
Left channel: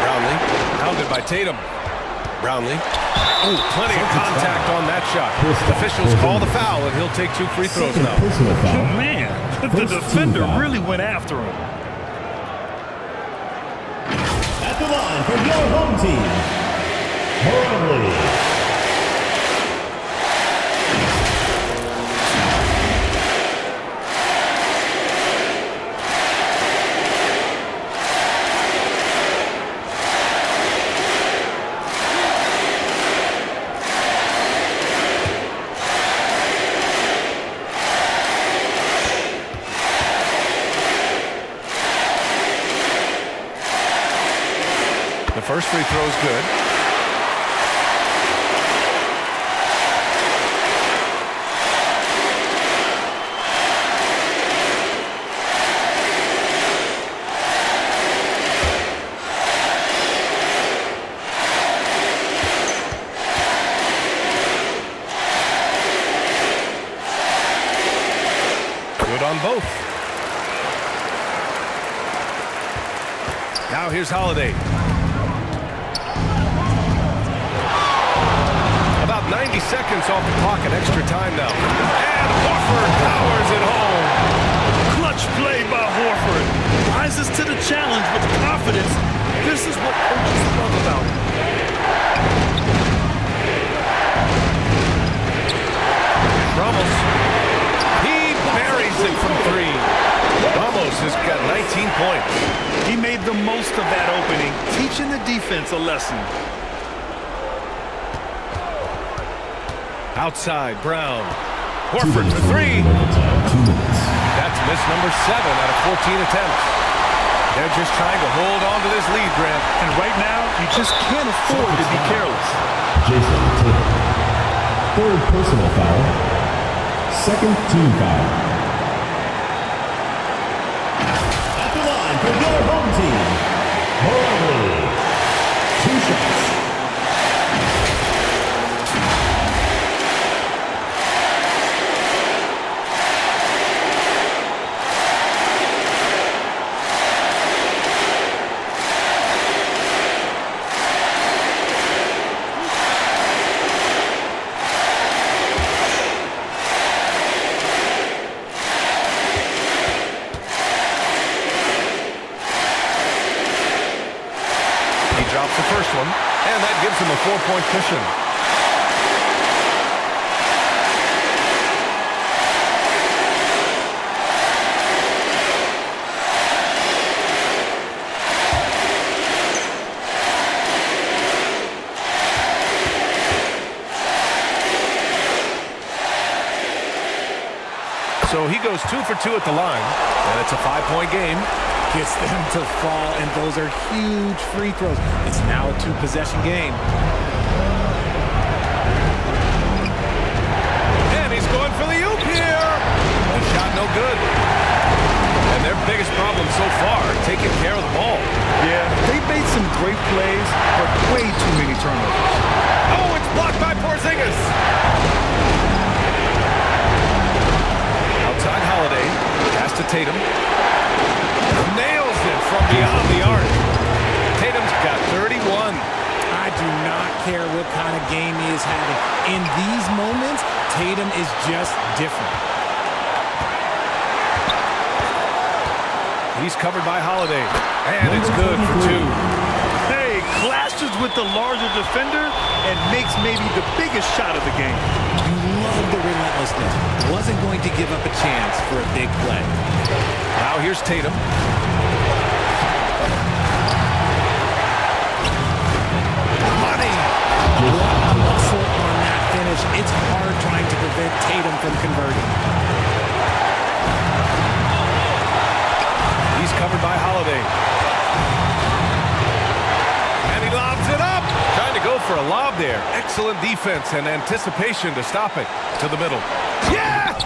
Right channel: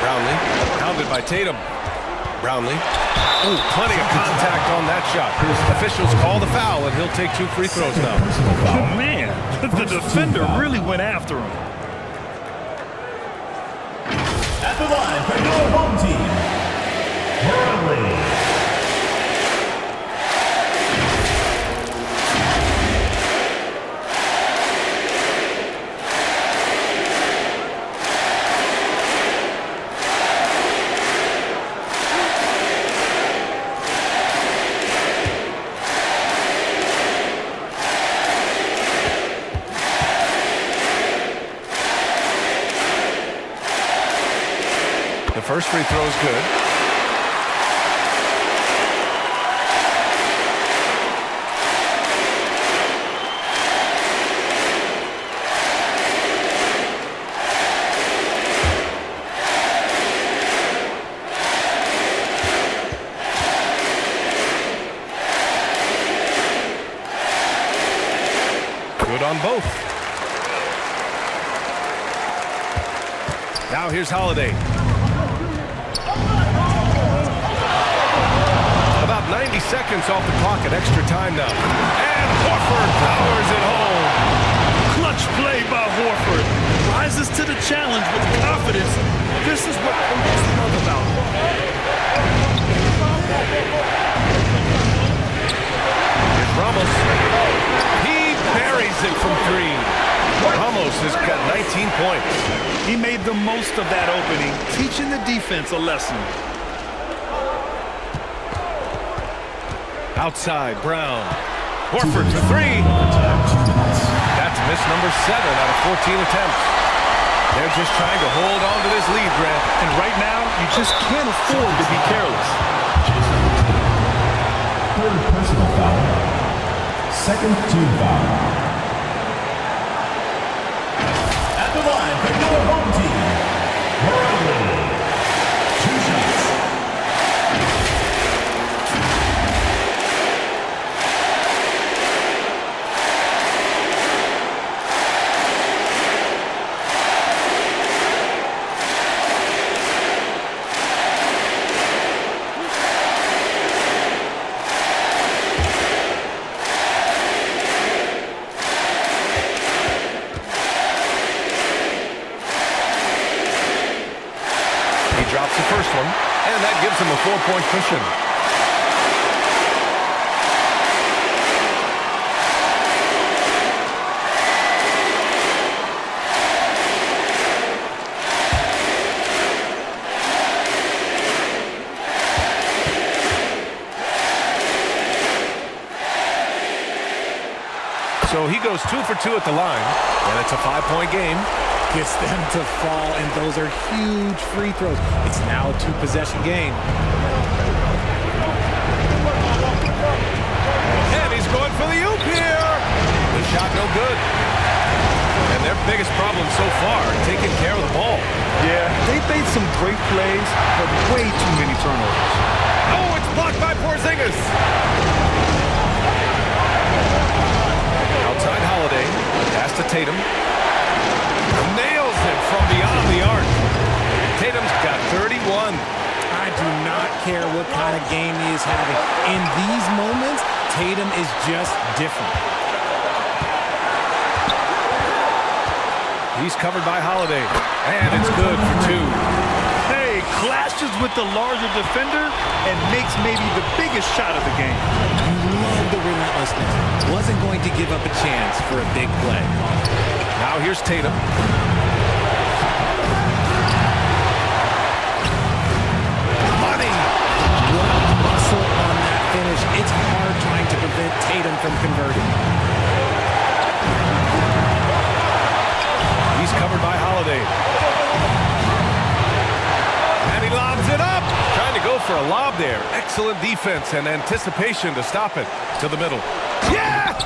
Brownlee, pounded by Tatum. Brownlee. Oh, plenty of contact on that shot. Officials call the foul, and he'll take 2 free throws now. Man, the defender really went after him. At the line for your home team, Brownlee. The first free throw is good. Good on both. Now here's Holiday. About 90 seconds off the clock at extra time now. And Horford powers it home. Clutch play by Horford. Rises to the challenge with confidence. This is what coaches love about him. Here's Ramos. He buries it from 3. Ramos has got 19 points. He made the most of that opening, teaching the defense a lesson. Outside, Brown. Horford for 3. That's miss number 7 out of 14 attempts. They're just trying to hold on to this lead, Grant. And right now, you just can't afford to be careless. Jason Tatum. 3rd personal foul. 2nd team foul. At the line for your home team, Brownlee. 2 shots. Drops the first one, and that gives him a 4-point cushion. So he goes 2 for 2 at the line, and it's a 5-point game. Gets them to fall, and those are huge free throws. It's now a 2-possession game. going for the oop here. The shot no good. And their biggest problem so far, taking care of the ball. Yeah, they've made some great plays, but way too many turnovers. Oh, it's blocked by Porzingis. Outside Holiday, pass to Tatum. Nails it from beyond the arc. Tatum's got 31. I do not care what kind of game he is having. In these moments, Tatum is just different. He's covered by Holiday, and it's good for 2. Hey, clashes with the larger defender and makes maybe the biggest shot of the game. You love the relentlessness. Wasn't going to give up a chance for a big play. Now here's Tatum. Money! What muscle on that finish. It's hard trying to prevent Tatum from converting. He's covered by Holiday. And he lobs it up. Trying to go for a lob there. Excellent defense and anticipation to stop it. To the middle. Yes!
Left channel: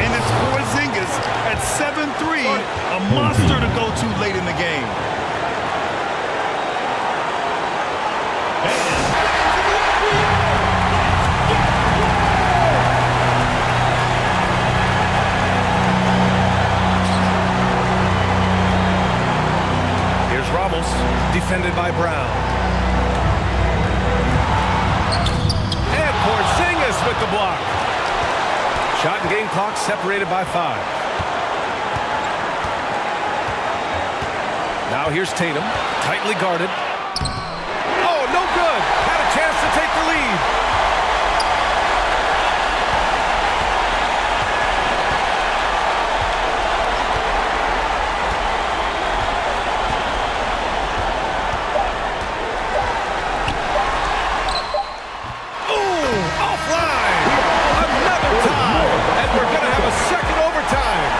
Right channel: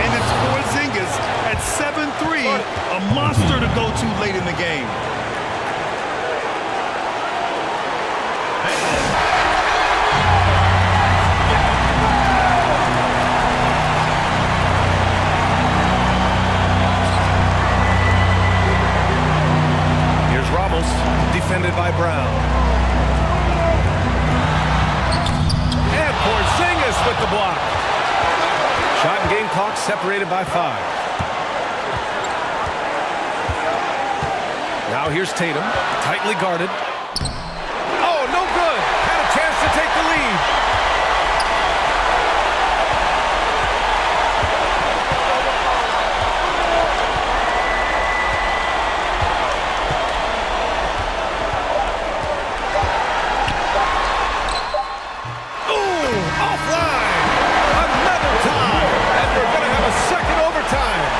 And it's Porzingis at 7'3", a monster to go to late in the game. Here's Ramos, defended by Brown. And Porzingis with the block. Shot and game clock separated by 5. Now here's Tatum, tightly guarded. Oh, no good. Had a chance to take the lead. We're going to have a second overtime.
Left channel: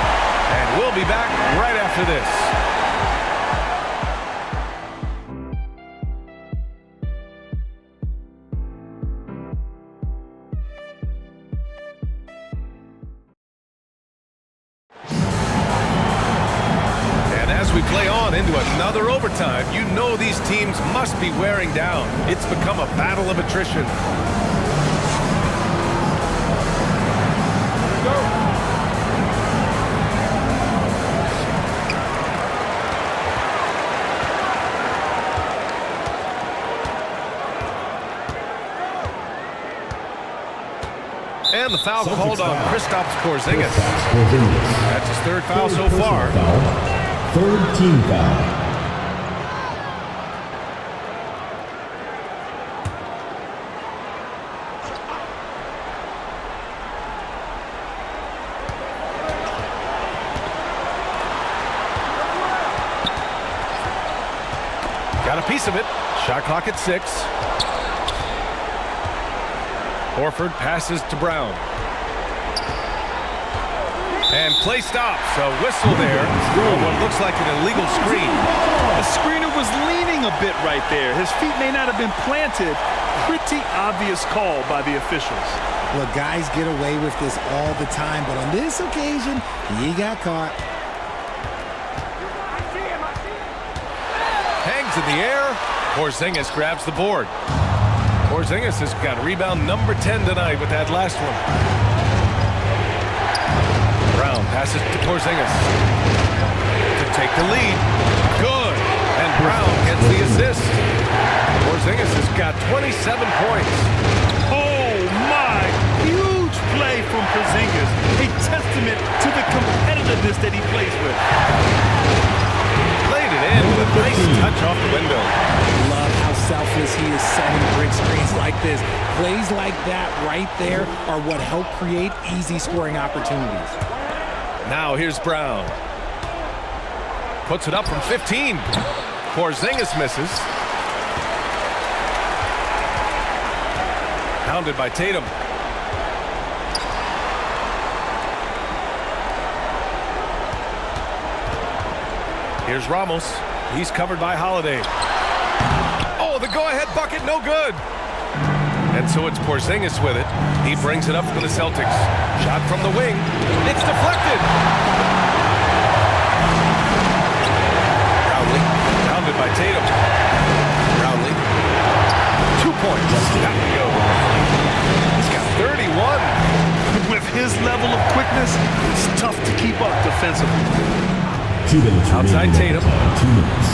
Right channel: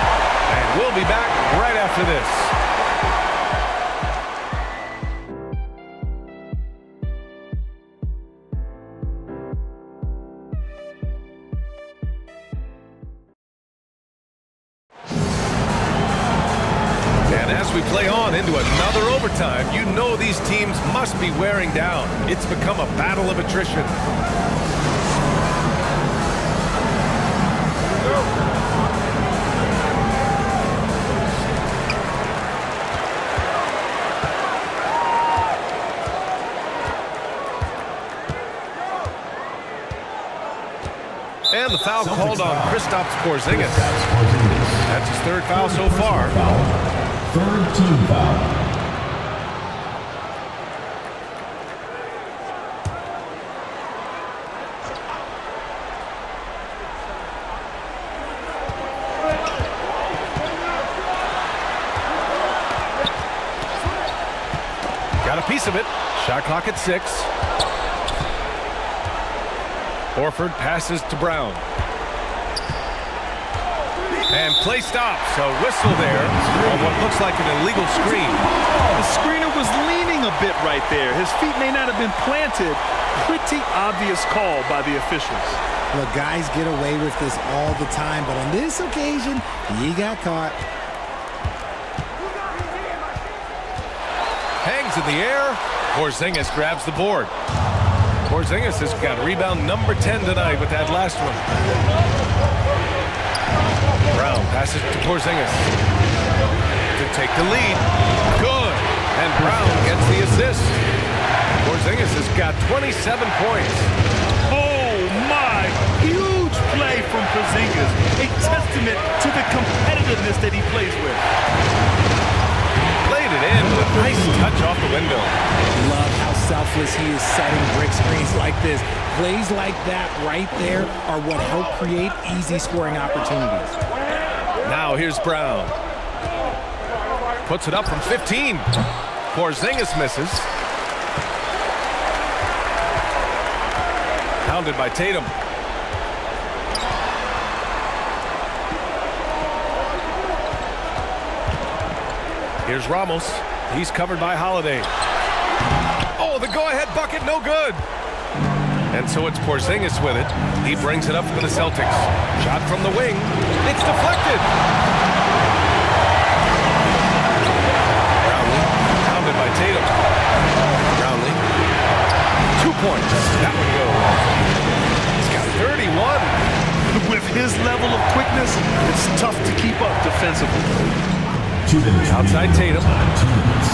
And we'll be back right after this. And as we play on into another overtime, you know these teams must be wearing down. It's become a battle of attrition. Go. And the foul Celtics called on foul. Kristaps Porzingis. That's his third foul so far. Third team foul. Got a piece of it. Shot clock at 6. Horford passes to Brown. And play stops. A whistle there on what looks like an illegal screen. The screener was leaning a bit right there. His feet may not have been planted. Pretty obvious call by the officials. Look, guys get away with this all the time, but on this occasion, he got caught. Hangs in the air. Porzingis grabs the board. Porzingis has got rebound number 10 tonight with that last one. Brown passes to Porzingis to take the lead. Good. And Brown gets the assist. Porzingis has got 27 points. Oh, my. Huge play from Porzingis. A testament to the competitiveness that he plays with. Played it in with a nice touch off the window. Love how selfless he is setting brick screens like this. Plays like that right there are what help create easy scoring opportunities. Now here's Brown. Puts it up from 15. Porzingis misses. Pounded by Tatum. Here's Ramos. He's covered by Holiday. Oh, the go-ahead bucket, no good. And so it's Porzingis with it. He brings it up for the Celtics. Shot from the wing. It's deflected. Brownlee, pounded by Tatum. Brownlee, 2 points. That one goes. He's got 31. With his level of quickness, it's tough to keep up defensively. Outside Tatum. 2 minutes.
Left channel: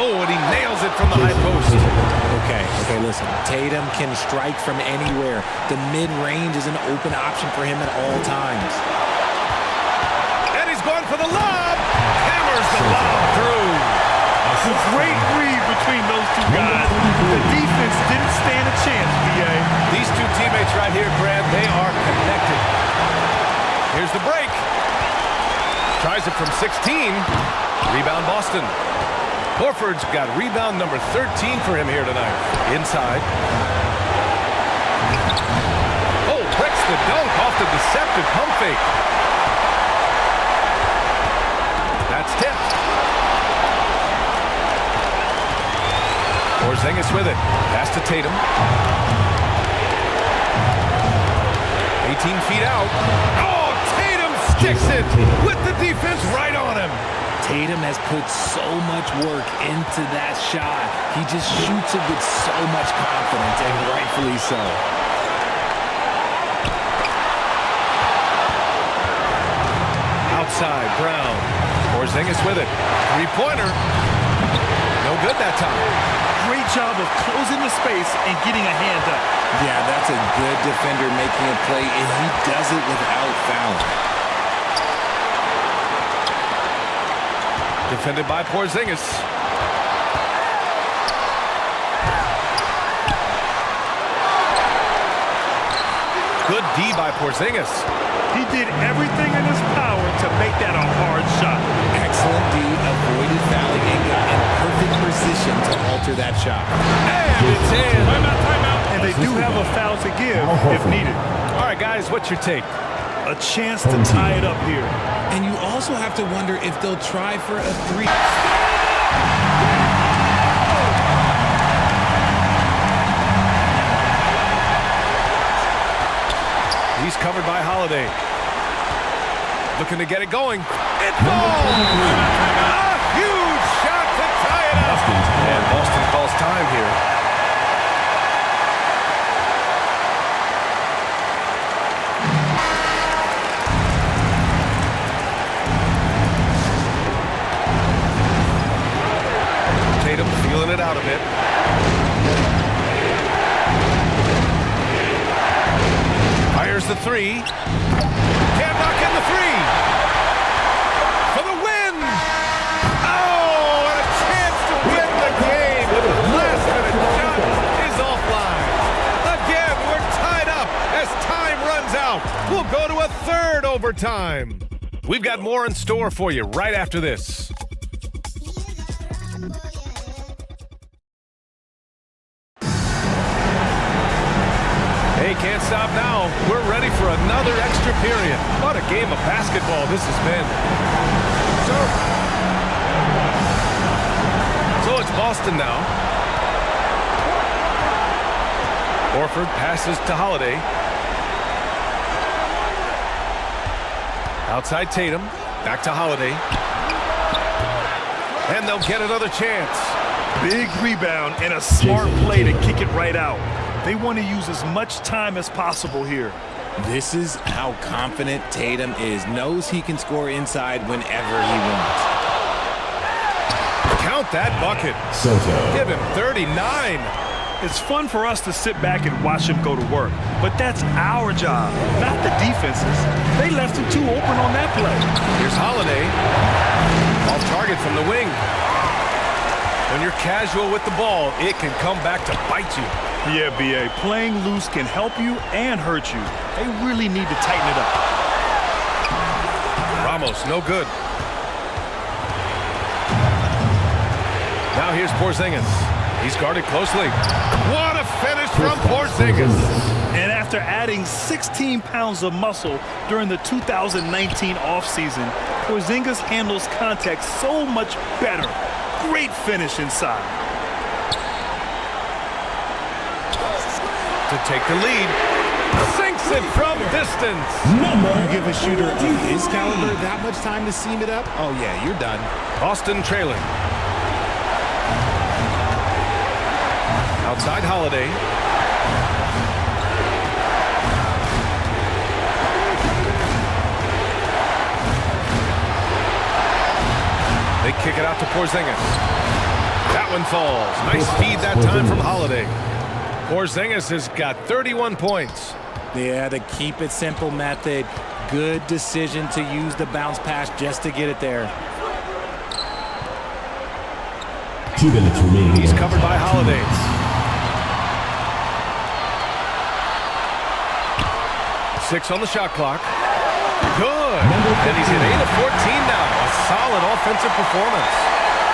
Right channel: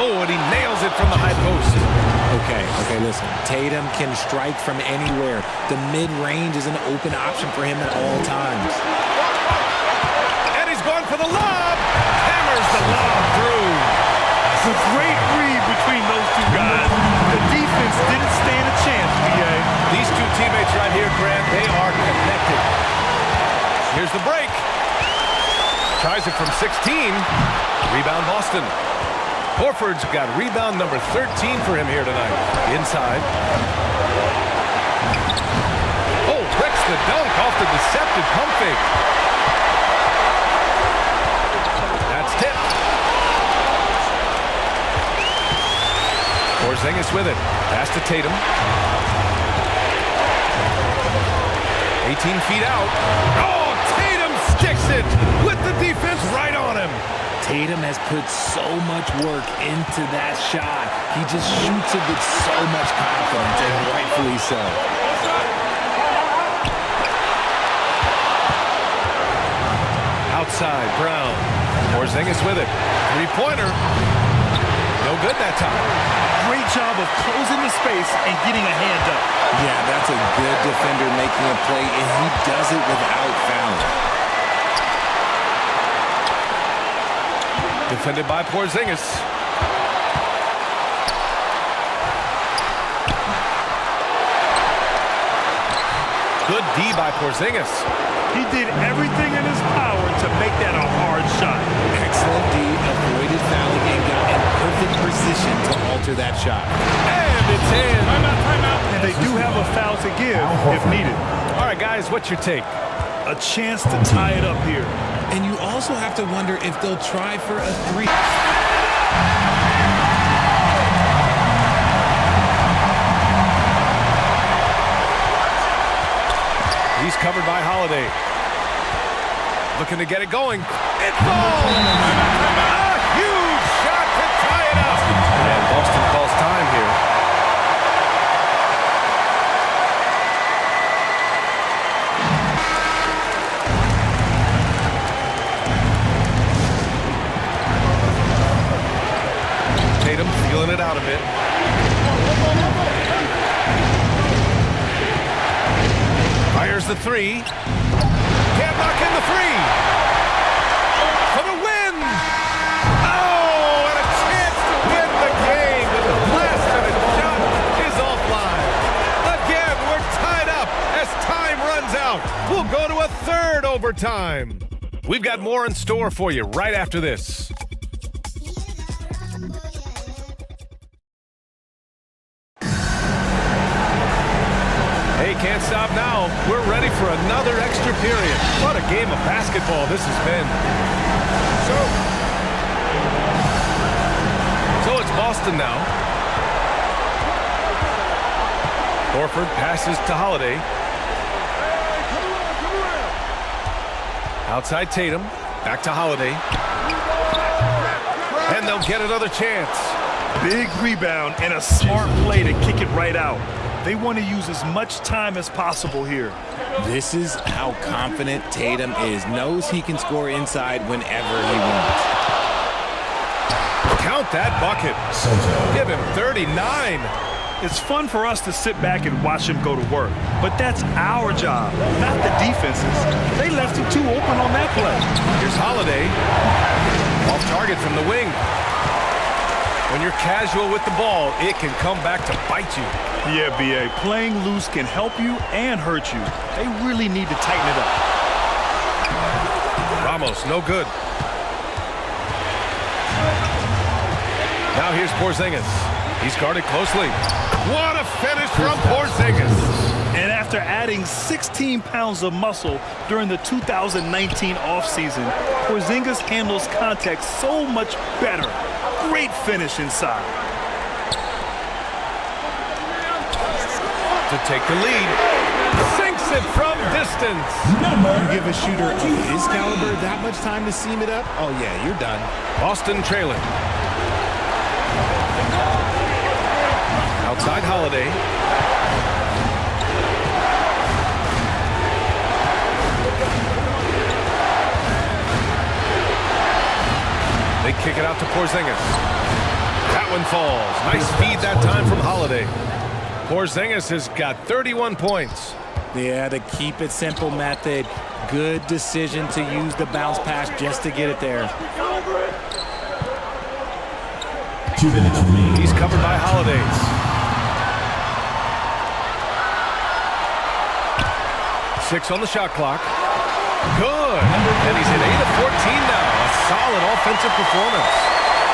Oh, and he nails it from the high post. Okay, listen. Tatum can strike from anywhere. The mid-range is an open option for him at all times. And he's going for the lob. Hammers the lob through. It's a great read between those two guys. The defense didn't stand a chance, BA. These two teammates right here, Grant, they are connected. Here's the break. Tries it from 16. Rebound Boston. Horford's got rebound number 13 for him here tonight. Inside. Oh, breaks the dunk off the deceptive pump fake. That's tipped. Porzingis with it. Pass to Tatum. 18 feet out. Oh, Tatum sticks it with the defense right on him. Tatum has put so much work into that shot. He just shoots it with so much confidence, and rightfully so. Outside, Brown. Porzingis with it. Three-pointer. No good that time. Great job of closing the space and getting a hand up. Yeah, that's a good defender making a play, and he does it without fouling. Defended by Porzingis. Good D by Porzingis. He did everything in his power to make that a hard shot. Excellent D, avoided fouling, and got in perfect position to alter that shot. And it's in. Timeout. And they do have a foul to give if needed. All right, guys, what's your take? A chance to tie it up here. And you also have to wonder if they'll try for a three. He's covered by Holiday. Looking to get it going. It falls! Timeout. A huge shot to tie it up. And Boston calls time here. Tatum feeling it out a bit. Fires the three. Can't knock in the three. For the win. Oh, and a chance to win the game. But the last-minute shot is offline. Again, we're tied up as time runs out. We'll go to a third overtime. We've got more in store for you right after this. Hey, can't stop now. We're ready for another extra period. What a game of basketball this has been. So it's Boston now. Horford passes to Holiday. Outside Tatum. Back to Holiday. And they'll get another chance. Big rebound and a smart play to kick it right out. They want to use as much time as possible here. This is how confident Tatum is. Knows he can score inside whenever he wants. Count that bucket. Soto. Give him 39. It's fun for us to sit back and watch him go to work, but that's our job, not the defense's. They left him too open on that play. Here's Holiday. Off target from the wing. When you're casual with the ball, it can come back to bite you. Yeah, BA, playing loose can help you and hurt you. They really need to tighten it up. Ramos, no good. Now here's Porzingis. He's guarded closely. What a finish from Porzingis. And after adding 16 pounds of muscle during the 2019 offseason, Porzingis handles contact so much better. Great finish inside. to take the lead. Sinks it from distance. You give a shooter of his caliber that much time to seam it up? Oh, yeah, you're done. Boston trailing. Outside Holiday. They kick it out to Porzingis. That one falls. Nice feed that time from Holiday. Porzingis has got 31 points. Yeah, the keep it simple method. Good decision to use the bounce pass just to get it there. 2 minutes remaining. He's covered by Holiday. Six on the shot clock. Good. And he's hit 8 of 14 now. A solid offensive performance.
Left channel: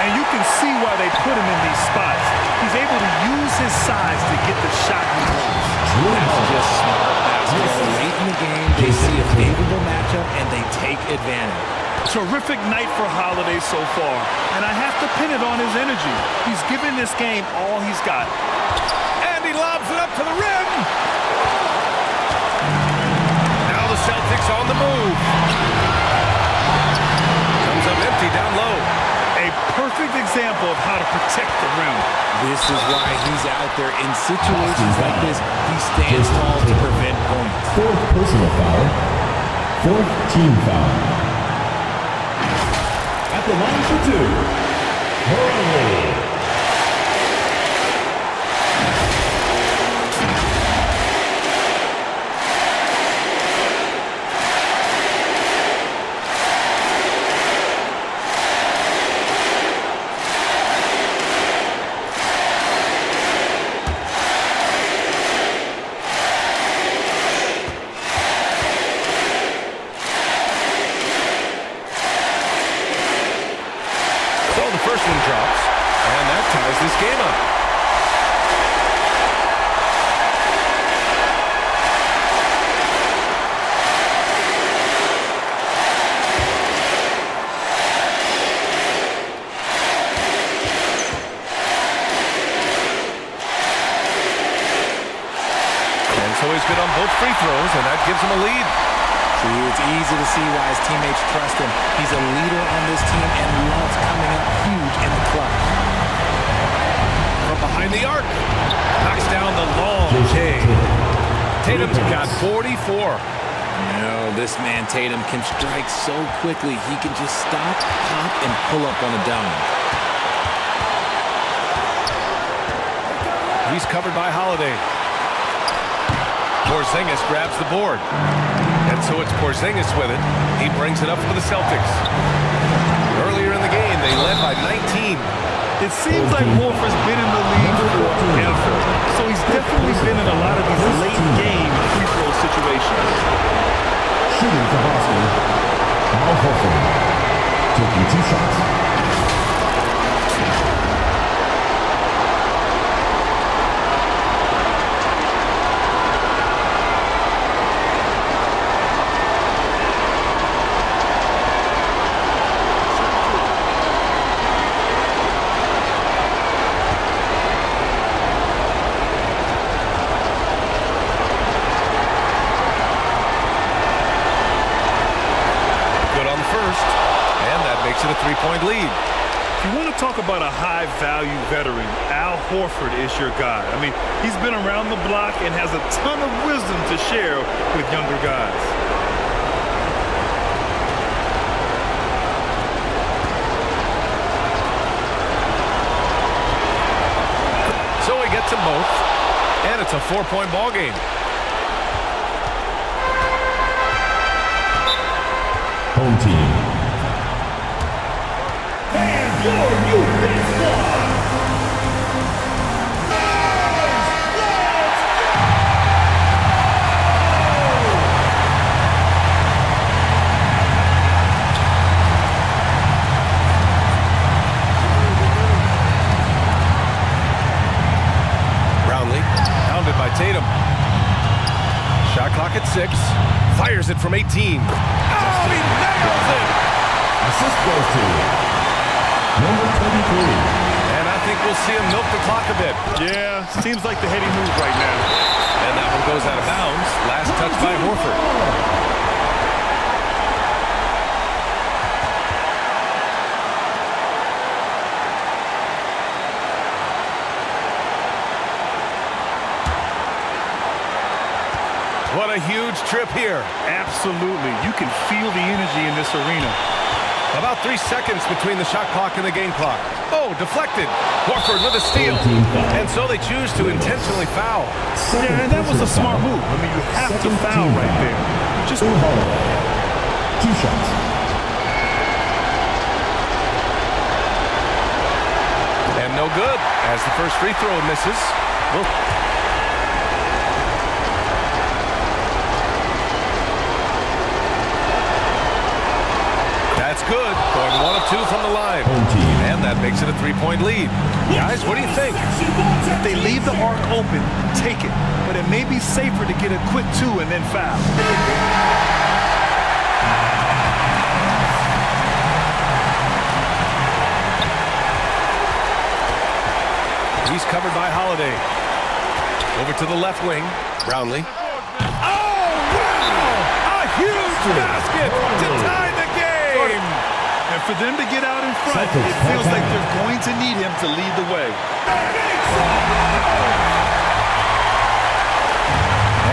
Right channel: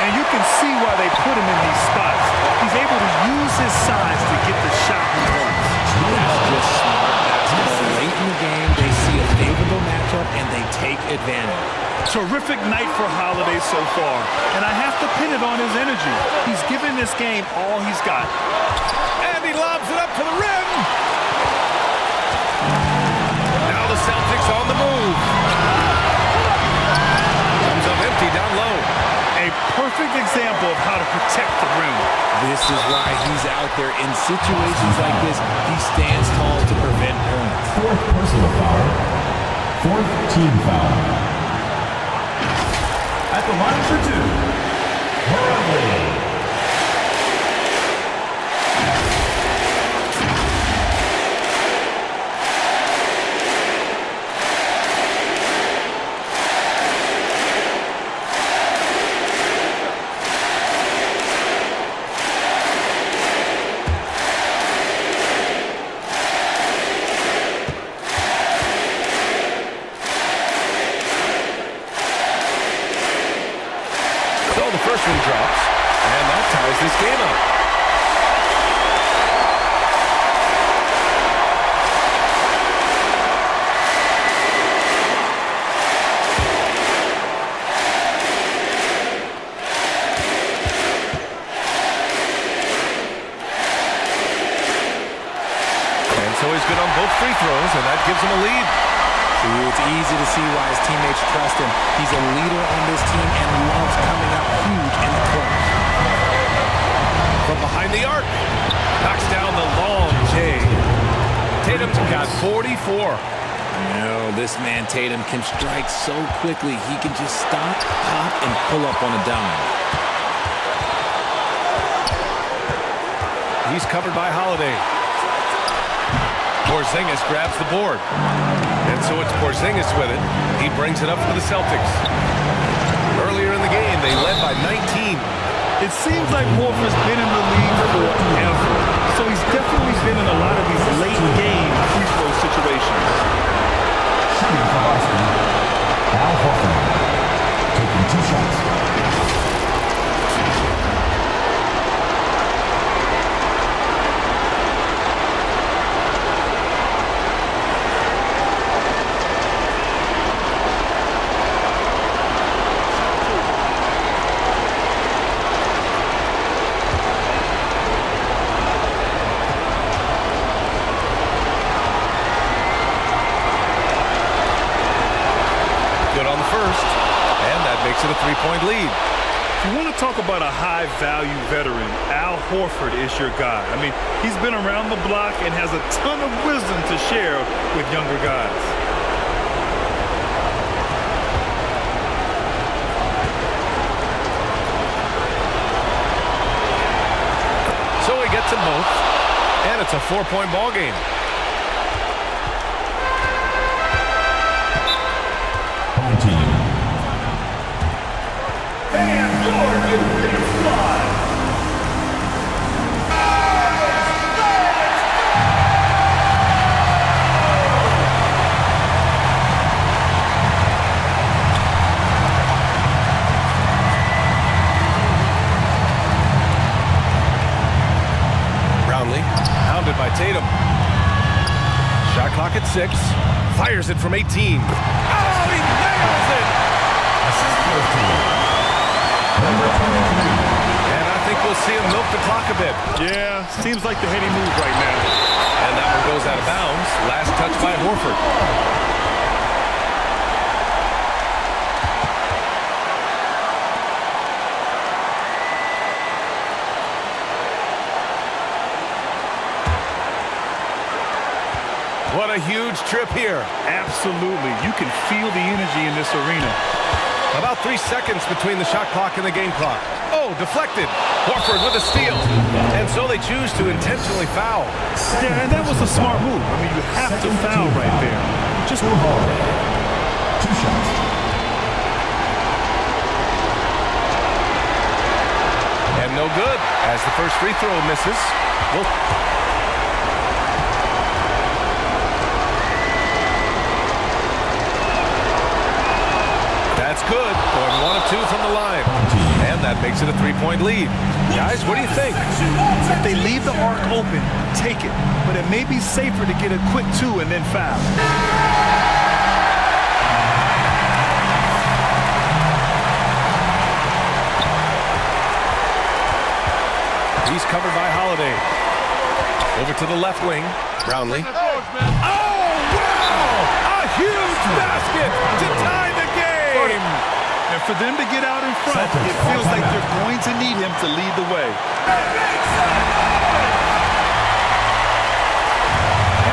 And you can see why they put him in these spots. He's able to use his size to get the shot he wants. That's just smart basketball. Late in the game, they see a favorable matchup, and they take advantage. Terrific night for Holiday so far, and I have to pin it on his energy. He's given this game all he's got. And he lobs it up to the rim. Now the Celtics on the move. Comes up empty down low. A perfect example of how to protect the rim. This is why he's out there in situations like this. He stands tall to prevent points. 4th personal foul. 4th team foul. At the line for 2, Barangay. So the first one drops, and that ties this game up. And so he's good on both free throws, and that gives him a lead. See, it's easy to see why his teammates trust him. He's a leader on this team and loves coming up huge in the clutch. From behind the arc, knocks down the long J. Tatum's got 44. You know, this man Tatum can strike so quickly. He can just stop, pop, and pull up on a dime. He's covered by Holiday. Porzingis grabs the board. And so it's Porzingis with it. He brings it up for the Celtics. Earlier in the game, they led by 19. It seems like Horford's been in the league forever. So he's definitely been in a lot of these late game free throw situations. Shooting for Boston, Al Horford. Taking 2 shots. Good on the first, and that makes it a 3-point lead. If you want to talk about a high-value veteran, Al Horford is your guy. I mean, he's been around the block and has a ton of wisdom to share with younger guys. So he gets them both, and it's a 4-point ball game. Home team. And your youth squad. Let's go! Brownlee, hounded by Tatum. Shot clock at 6. Fires it from 18. Oh, he nails it! Assist goes to number 23, And I think we'll see him milk the clock a bit. Yeah, seems like the heady move right now. And that one goes out of bounds. Last touch by Horford. What a huge trip here. Absolutely. You can feel the energy in this arena. About 3 seconds between the shot clock and the game clock. Oh, deflected. Horford with a steal. And so they choose to intentionally foul. Yeah, and that was a smart move. I mean, you have to foul right there. You just Holiday. 2 shots. And no good as the first free throw misses. That's good. Going 1 of 2 from the line. And that makes it a 3-point lead. Guys, what do you think? If they leave the arc open, take it. But it may be safer to get a quick 2 and then foul. He's covered by Holiday. Over to the left wing. Brownlee. Oh, wow! A huge basket to tie the game! And for them to get out in front, it feels like they're going to need him to lead the way.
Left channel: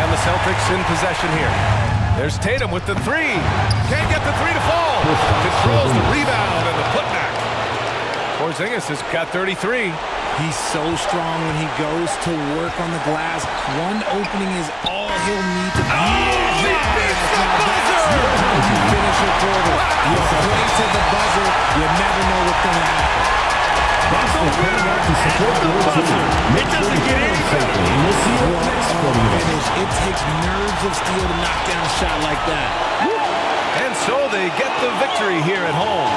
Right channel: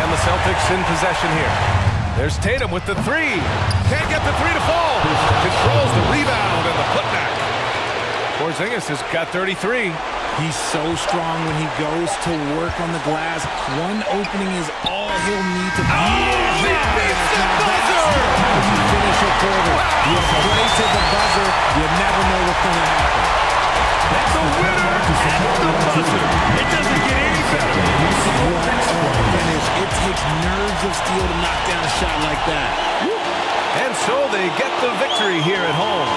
And the Celtics in possession here. There's Tatum with the 3. Can't get the 3 to fall. Controls the rebound and the putback. Porzingis has got 33. He's so strong when he goes to work on the glass. One opening is all he'll need to be. He beats the buzzer! That's how you finish a quarter. Wow. You play to the buzzer. You never know what's going to happen. That's the winner at the buzzer. It doesn't get any better. What a finish. It takes nerves of steel to knock down a shot like that. And so they get the victory here at home.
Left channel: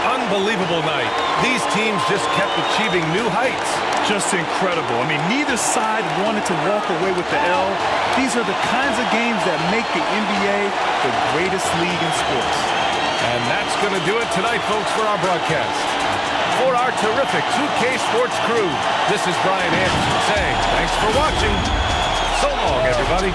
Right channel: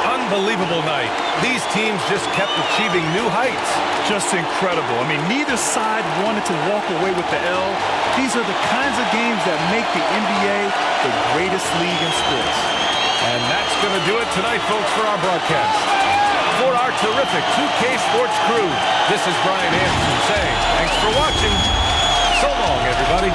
Unbelievable night. These teams just kept achieving new heights. Just incredible. I mean, neither side wanted to walk away with the L. These are the kinds of games that make the NBA the greatest league in sports. And that's going to do it tonight, folks, for our broadcast. For our terrific 2K Sports crew, this is Brian Anderson saying thanks for watching. So long, everybody.